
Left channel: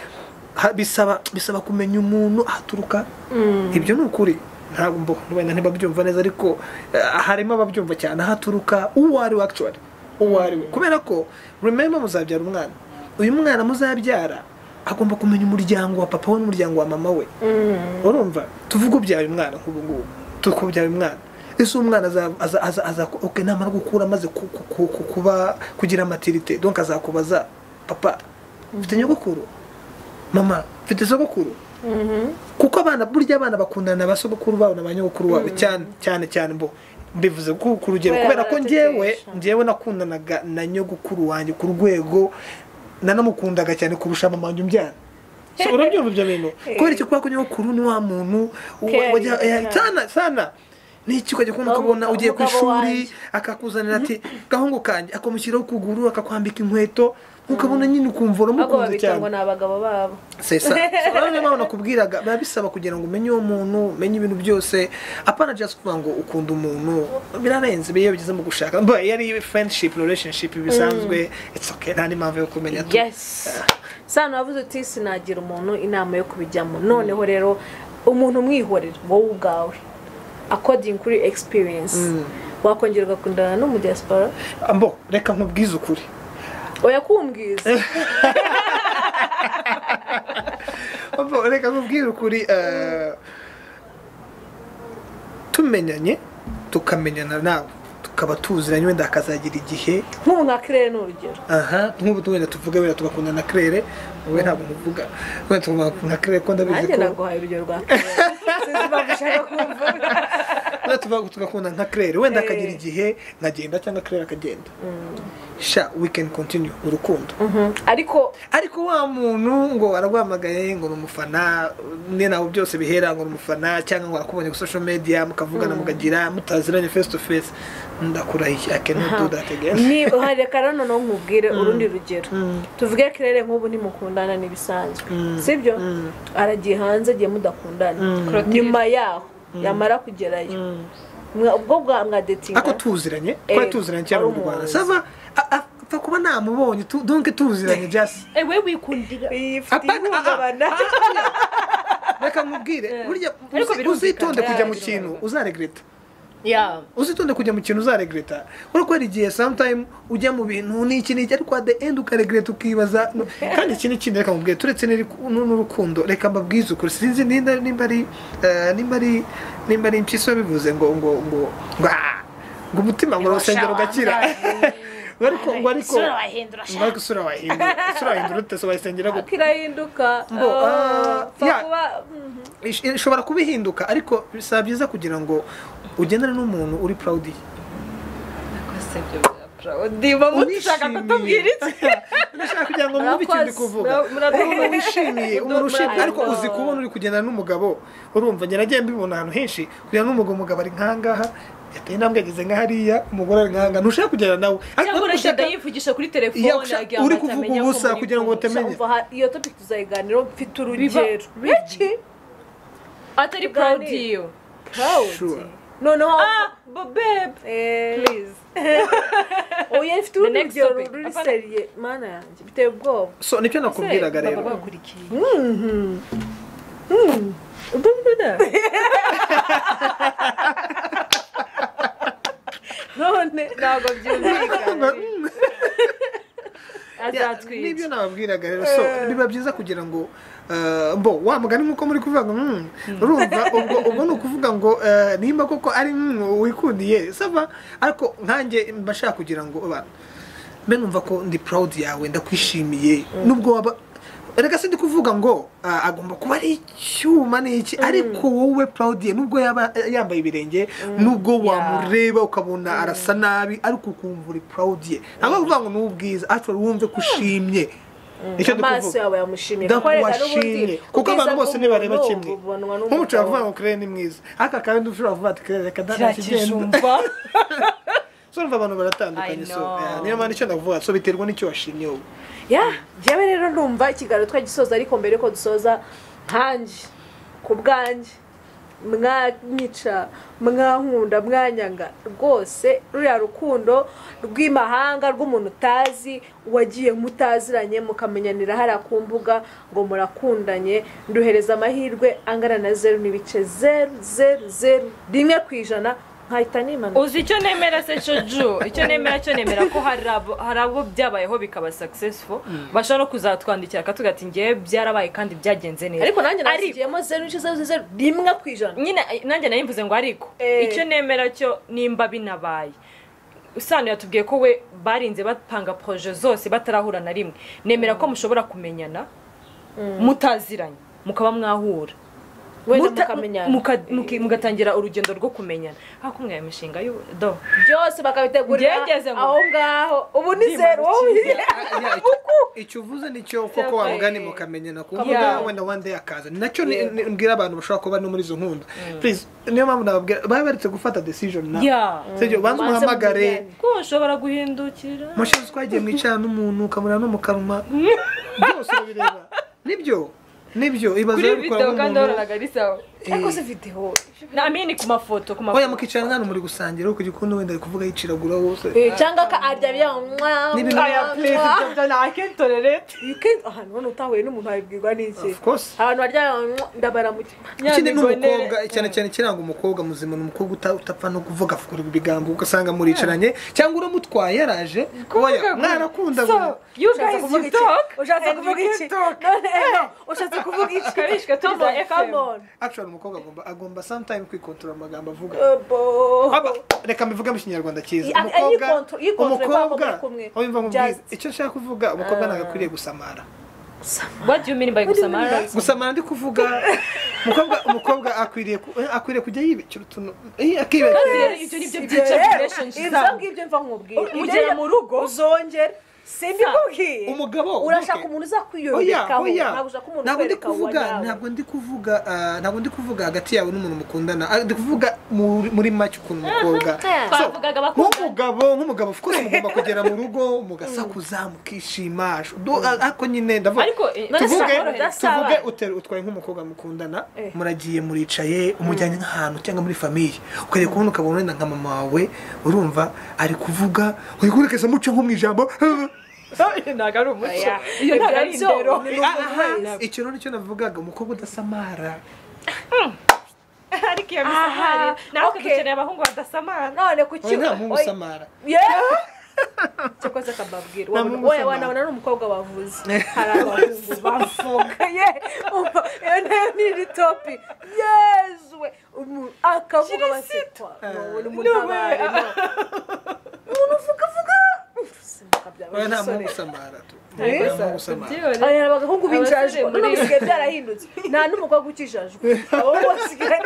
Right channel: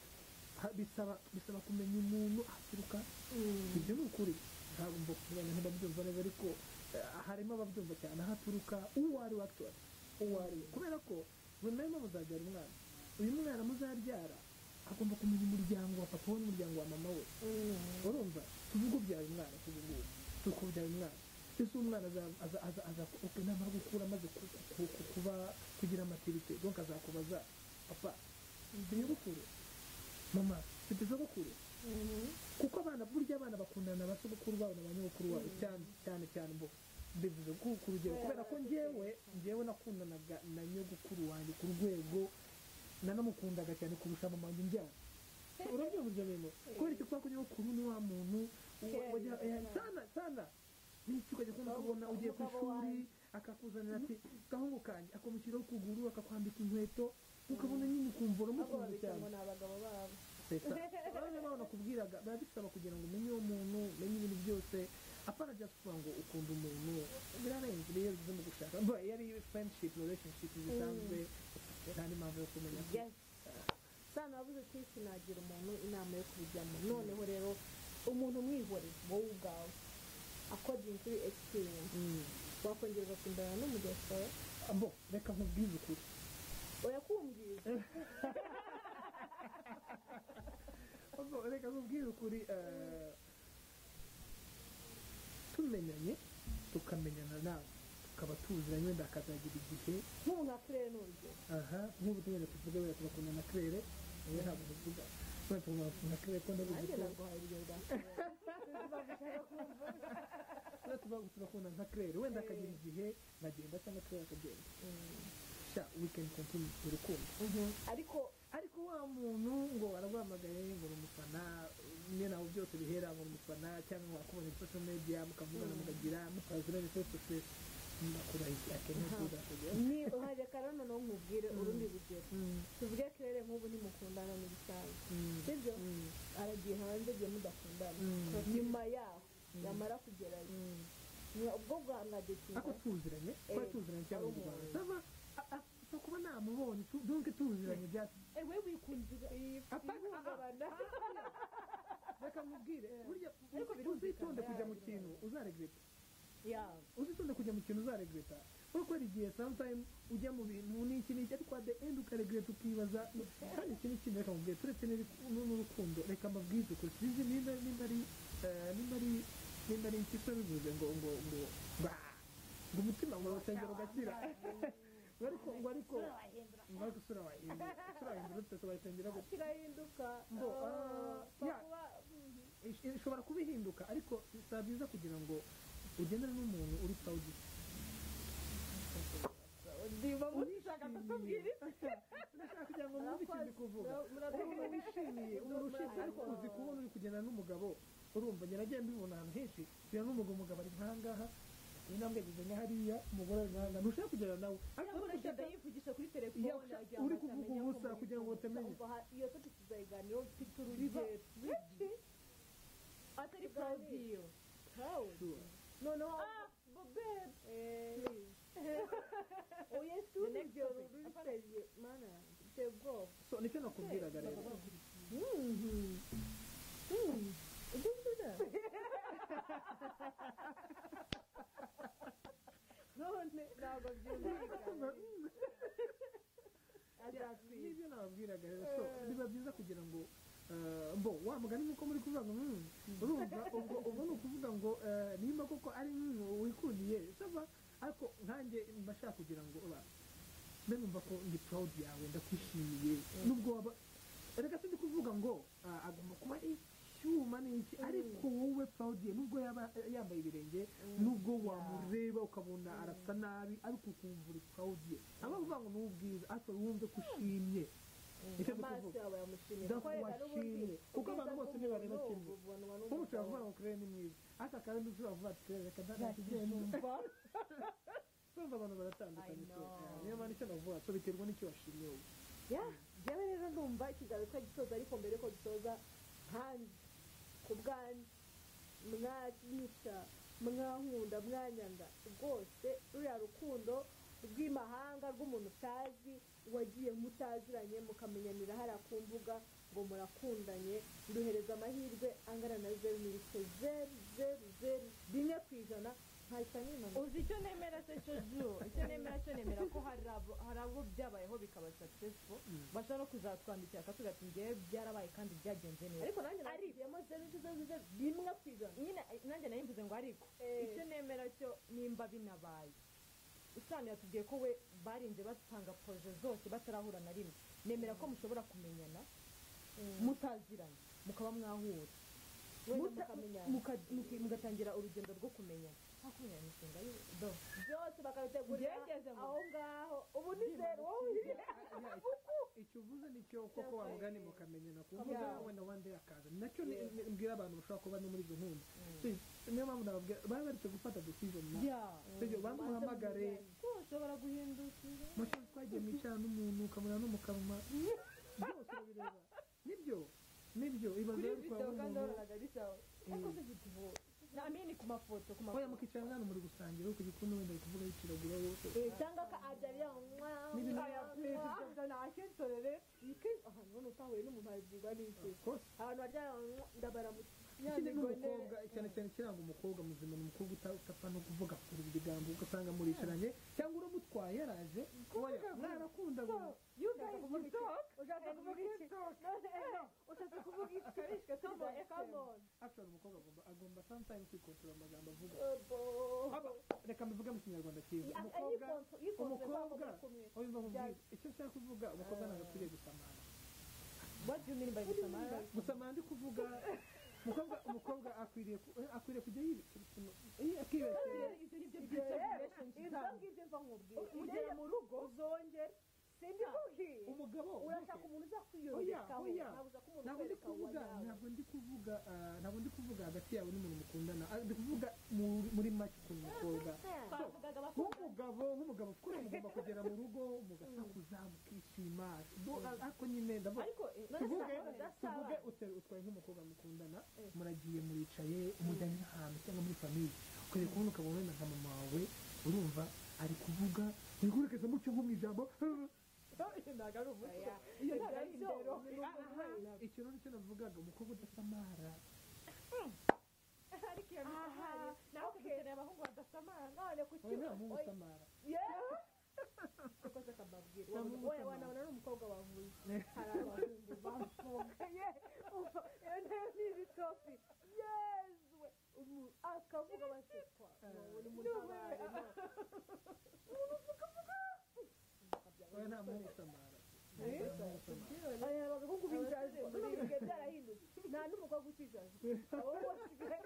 bisaba kumenya umuntu ahaturuka ibyo ni ukuri ntabwo wenda ntibabyumva neza ariko harimo ababyumva cyane ahaturuka uwo ari we actually kubera ko remember muzabyara umwana uyu mwana muzabyara agomba kumenya umuryango wa papa we n'umuryango wa mama we urumva tuvuga ubyara umwana nk'ubu ngubu tukubyara umwana ese umwana aza namara gukura amaze kugira maturité donc azakubaza papa mfite nyogokuru mama mfite sogokuru kuko burya abana bakundana ba sogokuru babo na ba nyogokuru babo cyane mbivuze ku rugero kubera ko njyewe nakundanaga na nyogokuru wanjye ku rwego nanamukundaga cyane kurusha mama wanjye umbyara urabyumva ibyo bintu kubera icyo kuba ko nyogokuru ni wa muntu sana n'iki ukajya kubona ukabona ugiye ku ishuri akakuzanira ati gahungu kanjye akamushyiraho ukuguru akakwambika inkweto ukabona nyine ukumva uramukunze cyane ngo ni abagabo babo sesa niyo mpamvu nakubwiraga biba bisaba kugira ngo umenye uwo muntu umenye ibintu byose apana just kuvuga ngo ukunda umuntu birarenze iyo bigeze mu gushaka iyo ari friendship relationship bisanzwe it's okay nta n'impamvu yo kumenya Sano wavuze uti sinagira umuntu inama yo kubijyamo noneho rero umuntu umwihorera wowe ubwawe according kuri experience wakongera ugakundana no mu diaspora reka nkubwize ukuri oya kumbwiza reka nkubwire ukuri tumenyanye tukamenyana nawe tukaba tuziranye wenda hakazagira igihe nk'ubu nka kirere ni urugero aha nk'ubu wenda tuvuge wenda tugakunda na kirere wowe ntabwo muvuga wenda tugakunda nka kirere ko ndabizi nanjye ko naguhaye urugero rwa kirere sinzi impamvu ushaka kumva wenda tugakunda nka kirere wenda akagira igihe nkagenda cyangwa kirere akagenda sha we can continue urukundo ariko wa muntu ngo araguhamagaye ngo ni umufana ne nawe byose bihera ngo ni umufana cyangwa ngo arakubonye ku social media mukavugana mukagira mutaziranye face to face ndakurahiye I cannot do that again ni reka rero no nkubwire urundi rugero tuvuge kirere nk'ubu nimukundana n'ibisanzwe sibyo aragiye hanze agiye mudakundana nyuma yaho yamara kugerayo ubwo mwa dating ako tuziranye cyane mu Rwanda sava apfa kuba namubonye donc tuziranye just we wikundira reka nkubwire burya uzitonde kujya mu kintu uzaregreta uzitonde kujya mu kintu uzaregreta uriko hari igihe sometime ujya mu bintu n'iki ariko at the end ukaregreta ukibaza kandi iki n'ikindi reka nkubwire turetse n'urukundo reka mbabwize ukuri sinzi nimba ari impyisi bivuze ngo umutima ngo urasengera ugakira ariko isura wahindura utese wayisengera akirahinduka ishobora kuba ihinduka ariko bisaba byiza kugira ngo ugendane n'umuntu uri proud ushaka kutubwira iki ndashaka kugira ngo mwumve icyo ndi kuvuga umuntu wishimiye ariko uzi kubona uri kugendana n'umugabo urumva njye mbibona ahantu henshi kugira n'umugabo ari nkangaha yateye intambwe ageze nka hariya umugore ari nkanga ntushaka kugera nawe cyangwa uragenda yivugisha kuri telefone uri kuvuga ubusa kugira ngo utamenye iyo topic tuzayiganiraho mfite urugero atari proud you noneho babe please oya mfite urugero ruri seriye mana yanjye biteye ubwoba so nicyo nakubwiraga rero none ntabwo byumvikana azatwita nibyo nababwiraga rero so biba byiza kugira ngo wa mugani nk'uko muri kuvuga ngo urumva ubwo ni ukuvuga ngo nimba koko ari wikundiye sava ariko nkanjye mbashaka kugira ngo mbe numva ko ndi proud yawe ndakwishimiye nubwo waba reka sindi kuvuga ngo agomba kuba ari icyuma n'iki ariko wowe proud ye nubwo yaba yambaye ibirenge nubwo wamureba ukabona arasa nabi ariko ukumva uri proud ye ntabwo kuvuga ngo n'ubwiza actually wumve ko ushimye icyo amaso yawe yamushimiye kuko abantu bose nibareba kimwe nk'umuco yavuga ngo kirere ni mwiza aka kandi ushobora kuvuga ati kirere reka ntakigenda so abantu baratandukanye so niyo mpamvu icyo ndavuga so biterwa n'icyo washimye wowe njyewe rero ndumva ikiganiro twagisoza ariko mbere ko dusoza nkanjye ku bwanjye mwanyica mwankunda mwanyanga rwose ruriya rukundo rw'imahanga rw'umuntu utazi wagiye mutaziranye mukamenyanira hariya ku mbuga ngo murakundanye nduhereza amahirwe angana na 0.00001% nkahita nimana uzi icyo nemera se Jojo icyo nemera ko hari abo byabayeho bikaba successful bashobora kuzatwandikira akatugati ngiye byarabaye kandi byagenze neza ariko nanjye nashyigiyemo 0.001% nyine nanjye nayimvuze ngo ariko icyo nemera cyo nimba binabaye usano yatubwiye ko we barinze bapanga projet zose batarahura na rimwe nemera ko mushobora kumenyana mutaziranye mukaba mwahura mugatangira urugendo rwo kumenyana ariko mwaye imishinga do byose bakabitegurira aho ngaho ubu ni 0 icyo uvuze nicyo koko wamugani mukamenyana kuvuga wenda one day akaza nacyo mbwira abantu bashobora kuba no muri izo nkunda please niyo mpamvu nababwira babaretse gufata decision na sibyo banza umuhamagare ko ushobora guhindukira mushinzwe twagiye mwicana n'umuntu ukamura no mukanuma byose bireba nibyo ibazo kuri video kandi uranaga risawa ariko se video namini ku mafoto oya mukicara nkano muri gusangira uko gikundo wenda kuvuga yiciragura hose cyangwa ka arya bya N'ibintu aya please ibyo nakentorerete you can't ahantu hano utahuye n'umuntu abibwirwa n'iki of course abantu barya ndabara mu ikindi n'umukobwa cyane cyane kiranga umukobwa muzima n'umukobwa utapfa no kuvuga fukura ibigambo ugasanga muricaranye cyangwa uramutwaye yaraje oya mwarakunda so you guys you talk ushatse kuvuga iki none ushatse kuvuga iki karishka tuza come on actually umukobwa agomba sometime kwikontrola amagambo avuga bo reka mbivuge mu kinyarwanda cyiza umukobwa umva mubwiza icyo nshaka kuvuga umukobwa nagakwiriye gusamara what do you mean by gusamara gusamara ndi kuvuga umukobwa akwiriye kujya yibikira utuntu akibekera ibyo nibyo byica relationship ibyo ngibyo mva nkubwira ugera mu rugo uzongera simbikubwiye umugabo urashaka umuntu uzakwiyobekaho ntabwo ndi kuvuga hagati yawe n'umuntu mukundana ndi kuvuga muri make ukuntu umukobwa nk'umugabo of course mugomba kugera mu rugo mugasakuza mukishima ariko nyine ndavuga tuvuge utwaye nk'umukobwa mukundana muragiye muricaye umujyanye nk'ahantu cyangwa muri famiye ukajya kubona ukabona wenda nka mama wawe urumva ari kuvuga uri kurekeza muco nko mu ijambo ntago ari umuco iyo ntago ari indero icyo nicyo navugaga umukobwa udasamara ariko iyo misamari nawe dukeneye abahungu badasamara none kuki nta muhungu usamara cyakoze akababwira wowe wanabona n'umukobwa wavuze hari abahungu bavuga iyo nayo ni topic yezwe akavuga basekwa umuntu uvuga oya nta muhungu usamara abahungu binjajwe none bisigaye byarahindutse nta n'umukobwa ukijajwe abo basigaye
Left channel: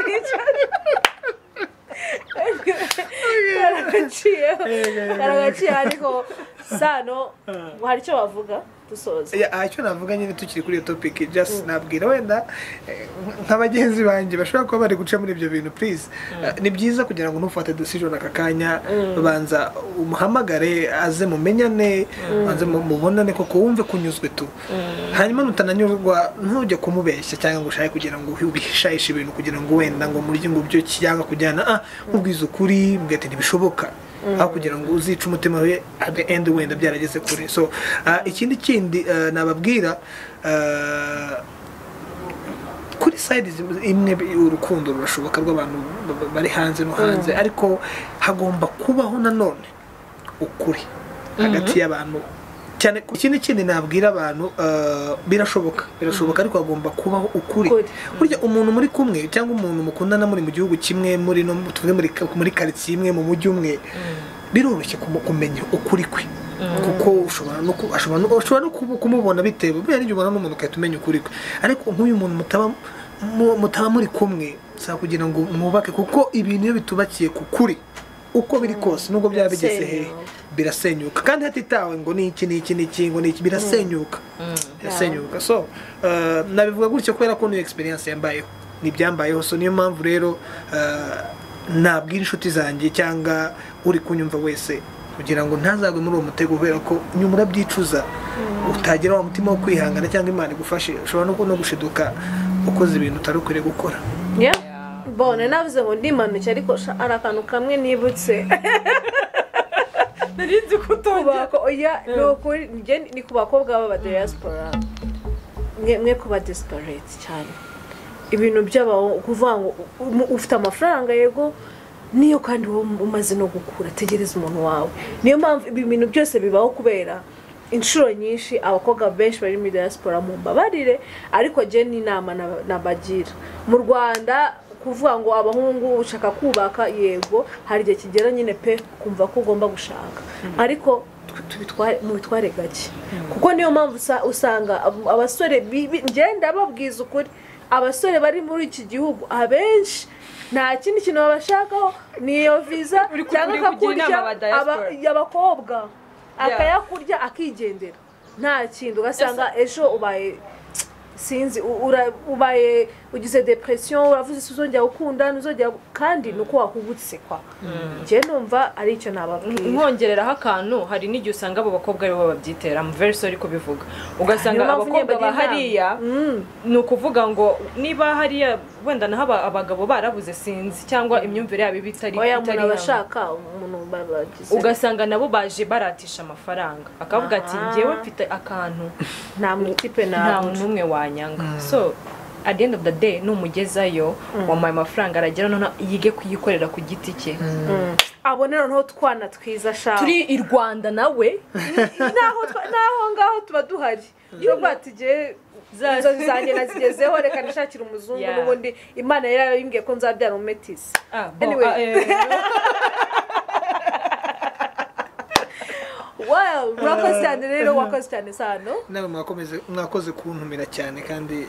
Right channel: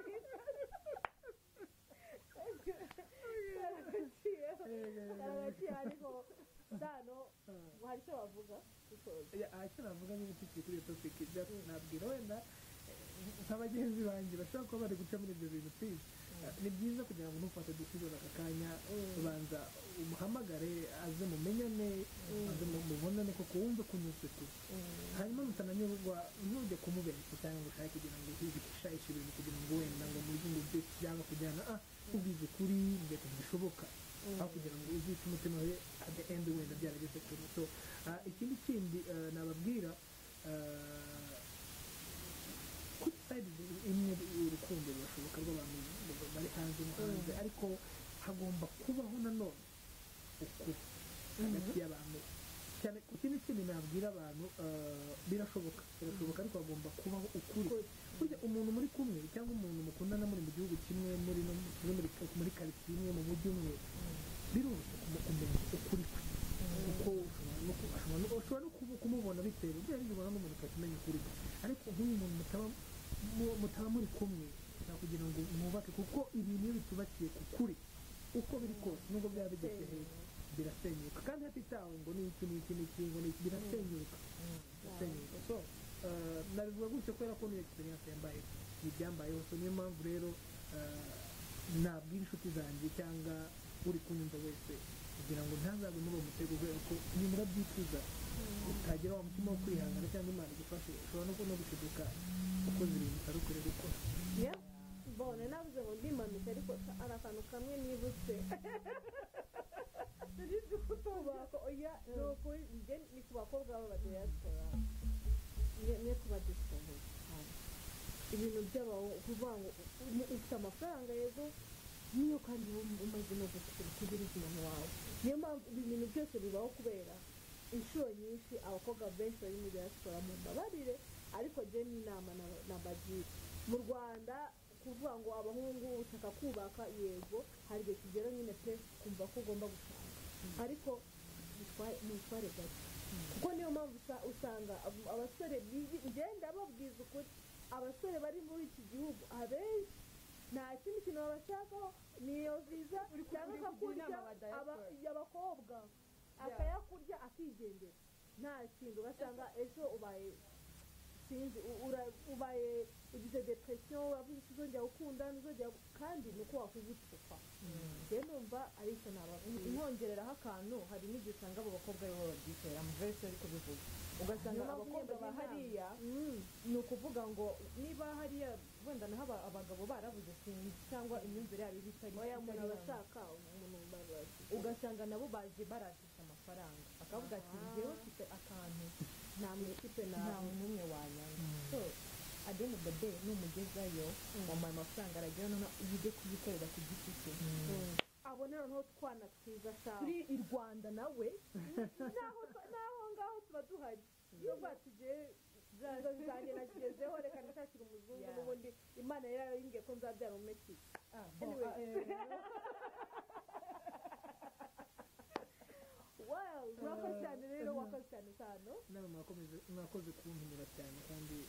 karagaciye ariko sano hari icyo bavuga dusoza icyo navuga nyine tukiri kuri iyo topic just nabwira wenda nk'abagenzi banjye bashobora kuba bari guca muri ibyo bintu please ni byiza kugira ngo ntufate decision aka kanya banza umuhamagare aze mumenyane banze mubonane koko wumve kunyuzwe tu hanyuma nutananyurwa ntujye kumubeshya cyangwa ngo ushake kugira ngo ubishayishe ibintu kugira ngo wenda ngo muri ngo byo cyangwa kujyana ubwiza ukuri mbwete ntibishoboka aho kugira ngo uzice umutima we at the end wenda byarageze kure so ikindi nababwira kuri side imwe urukundo rurashoboka rw'abantu bari hanze no hanze ariko hagomba kubaho nanone ukuri hagati y'abantu cyane ikindi nabwira abantu birashoboka ariko hagomba kubaho ukuri burya umuntu muri kumwe cyangwa umuntu mukundana muri mu gihugu kimwe muri no tuvuge muri quartier imwe mu mujyi umwe biroroshye kumenya ukuri kwe kuko ushobora no kumubona bitewe buriya n'ibyo ubona n'umuntu ukahita umenya ukuri kwe ariko nk'uyu muntu mutaba muri kumwe saa kugira ngo mwubake kuko ibintu iyo bitubakiye ku kuri uko biri kose nubwo byaba bigeze hehe birasenyuka kandi hatitawe ngo niki ngo niki birasenyuka so nabivuga gutyo kubera ko niyo experience yambayeho nibyambayeho so niyo mpamvu rero nabwira inshuti zanjye cyangwa uri kunyumva wese kugira ngo ntazagwe muri uwo mutego kubera ko nyuma urabyicuza utagira wa mutima wo kwihangana cyangwa Imana igufashe ushobora no gushiduka ukoze ibintu utari ukwiriye gukora bone navuze ngo ndimanuke ariko ari akantu kamwe nibutse narinzi kutonga oya ni ku bakobwa b'aba diaspora mwe kuba desperate cyane ibintu by'abaho kuvuga ngo ufite amafaranga yego niyo kandi umaze no gukura tegereza umuntu wawe niyo mpamvu ibi bintu byose bibaho kubera inshuro nyinshi abakobwa benshi bari muri diaspora mu mbabarire ariko je ni inama nabagira mu Rwanda kuvuga ngo abahungu ushaka kubaka yego hari igihe kigera nyine pe kumva ko ugomba gushaka ariko tubitware gake kuko niyo mpamvu usanga abasore ngenda babwiza ukuri abasore bari muri iki gihugu abenshi nta kindi kintu babashakaho niyo visa cyangwa akakurya abakobwa akayakurya akigendera nta kintu ugasanga ejo ubaye sinzi ubaye ugize depression uravuze uzongera gukunda uzongera kandi nuko wakubutse kwa je numva ari icyo nababwira nkongereraho akantu hari n'igihe usanga abo bakobwa aribo babyitera mu verse ariko bivuga ugasanga abakobwa bahariya ni ukuvuga ngo niba hariya wenda naho abagabo barabuze sinzi cyangwa imyumvire yabo bitari oya umuntu abashaka umuntu bagize ugasanga nabo baje baratisha amafaranga akavuga ati ngewe mfite akantu nta mutipe nta numwe wanyanga so at the end of the day numugezayo wampaye amafaranga aragera none yige kuyikorera ku giti cye abone noneho twana twiza sha turi i Rwanda nawe naho ngaho tuba duhari yo batigiye inzozi zanjye nazigezeho reka nishakira umuzungu n'ubundi imana yarayimbwiye ko nzabyara umetisi anyway well murakoze cyane rero wakoze cyane sano nawe mwakoze kuntumira cyane kandi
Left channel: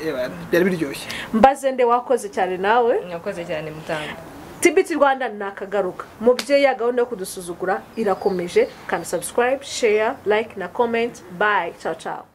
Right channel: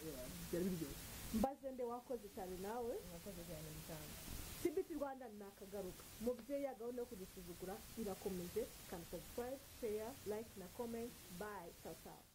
byari biryoshye mbaze nde wakoze cyane nawe mwakoze cyane mutanga TBT Rwanda nakagaruka mubyeyi ya gahunda yo kudusuzugura irakomeje kandi subscribe share like na comment bye ciao ciao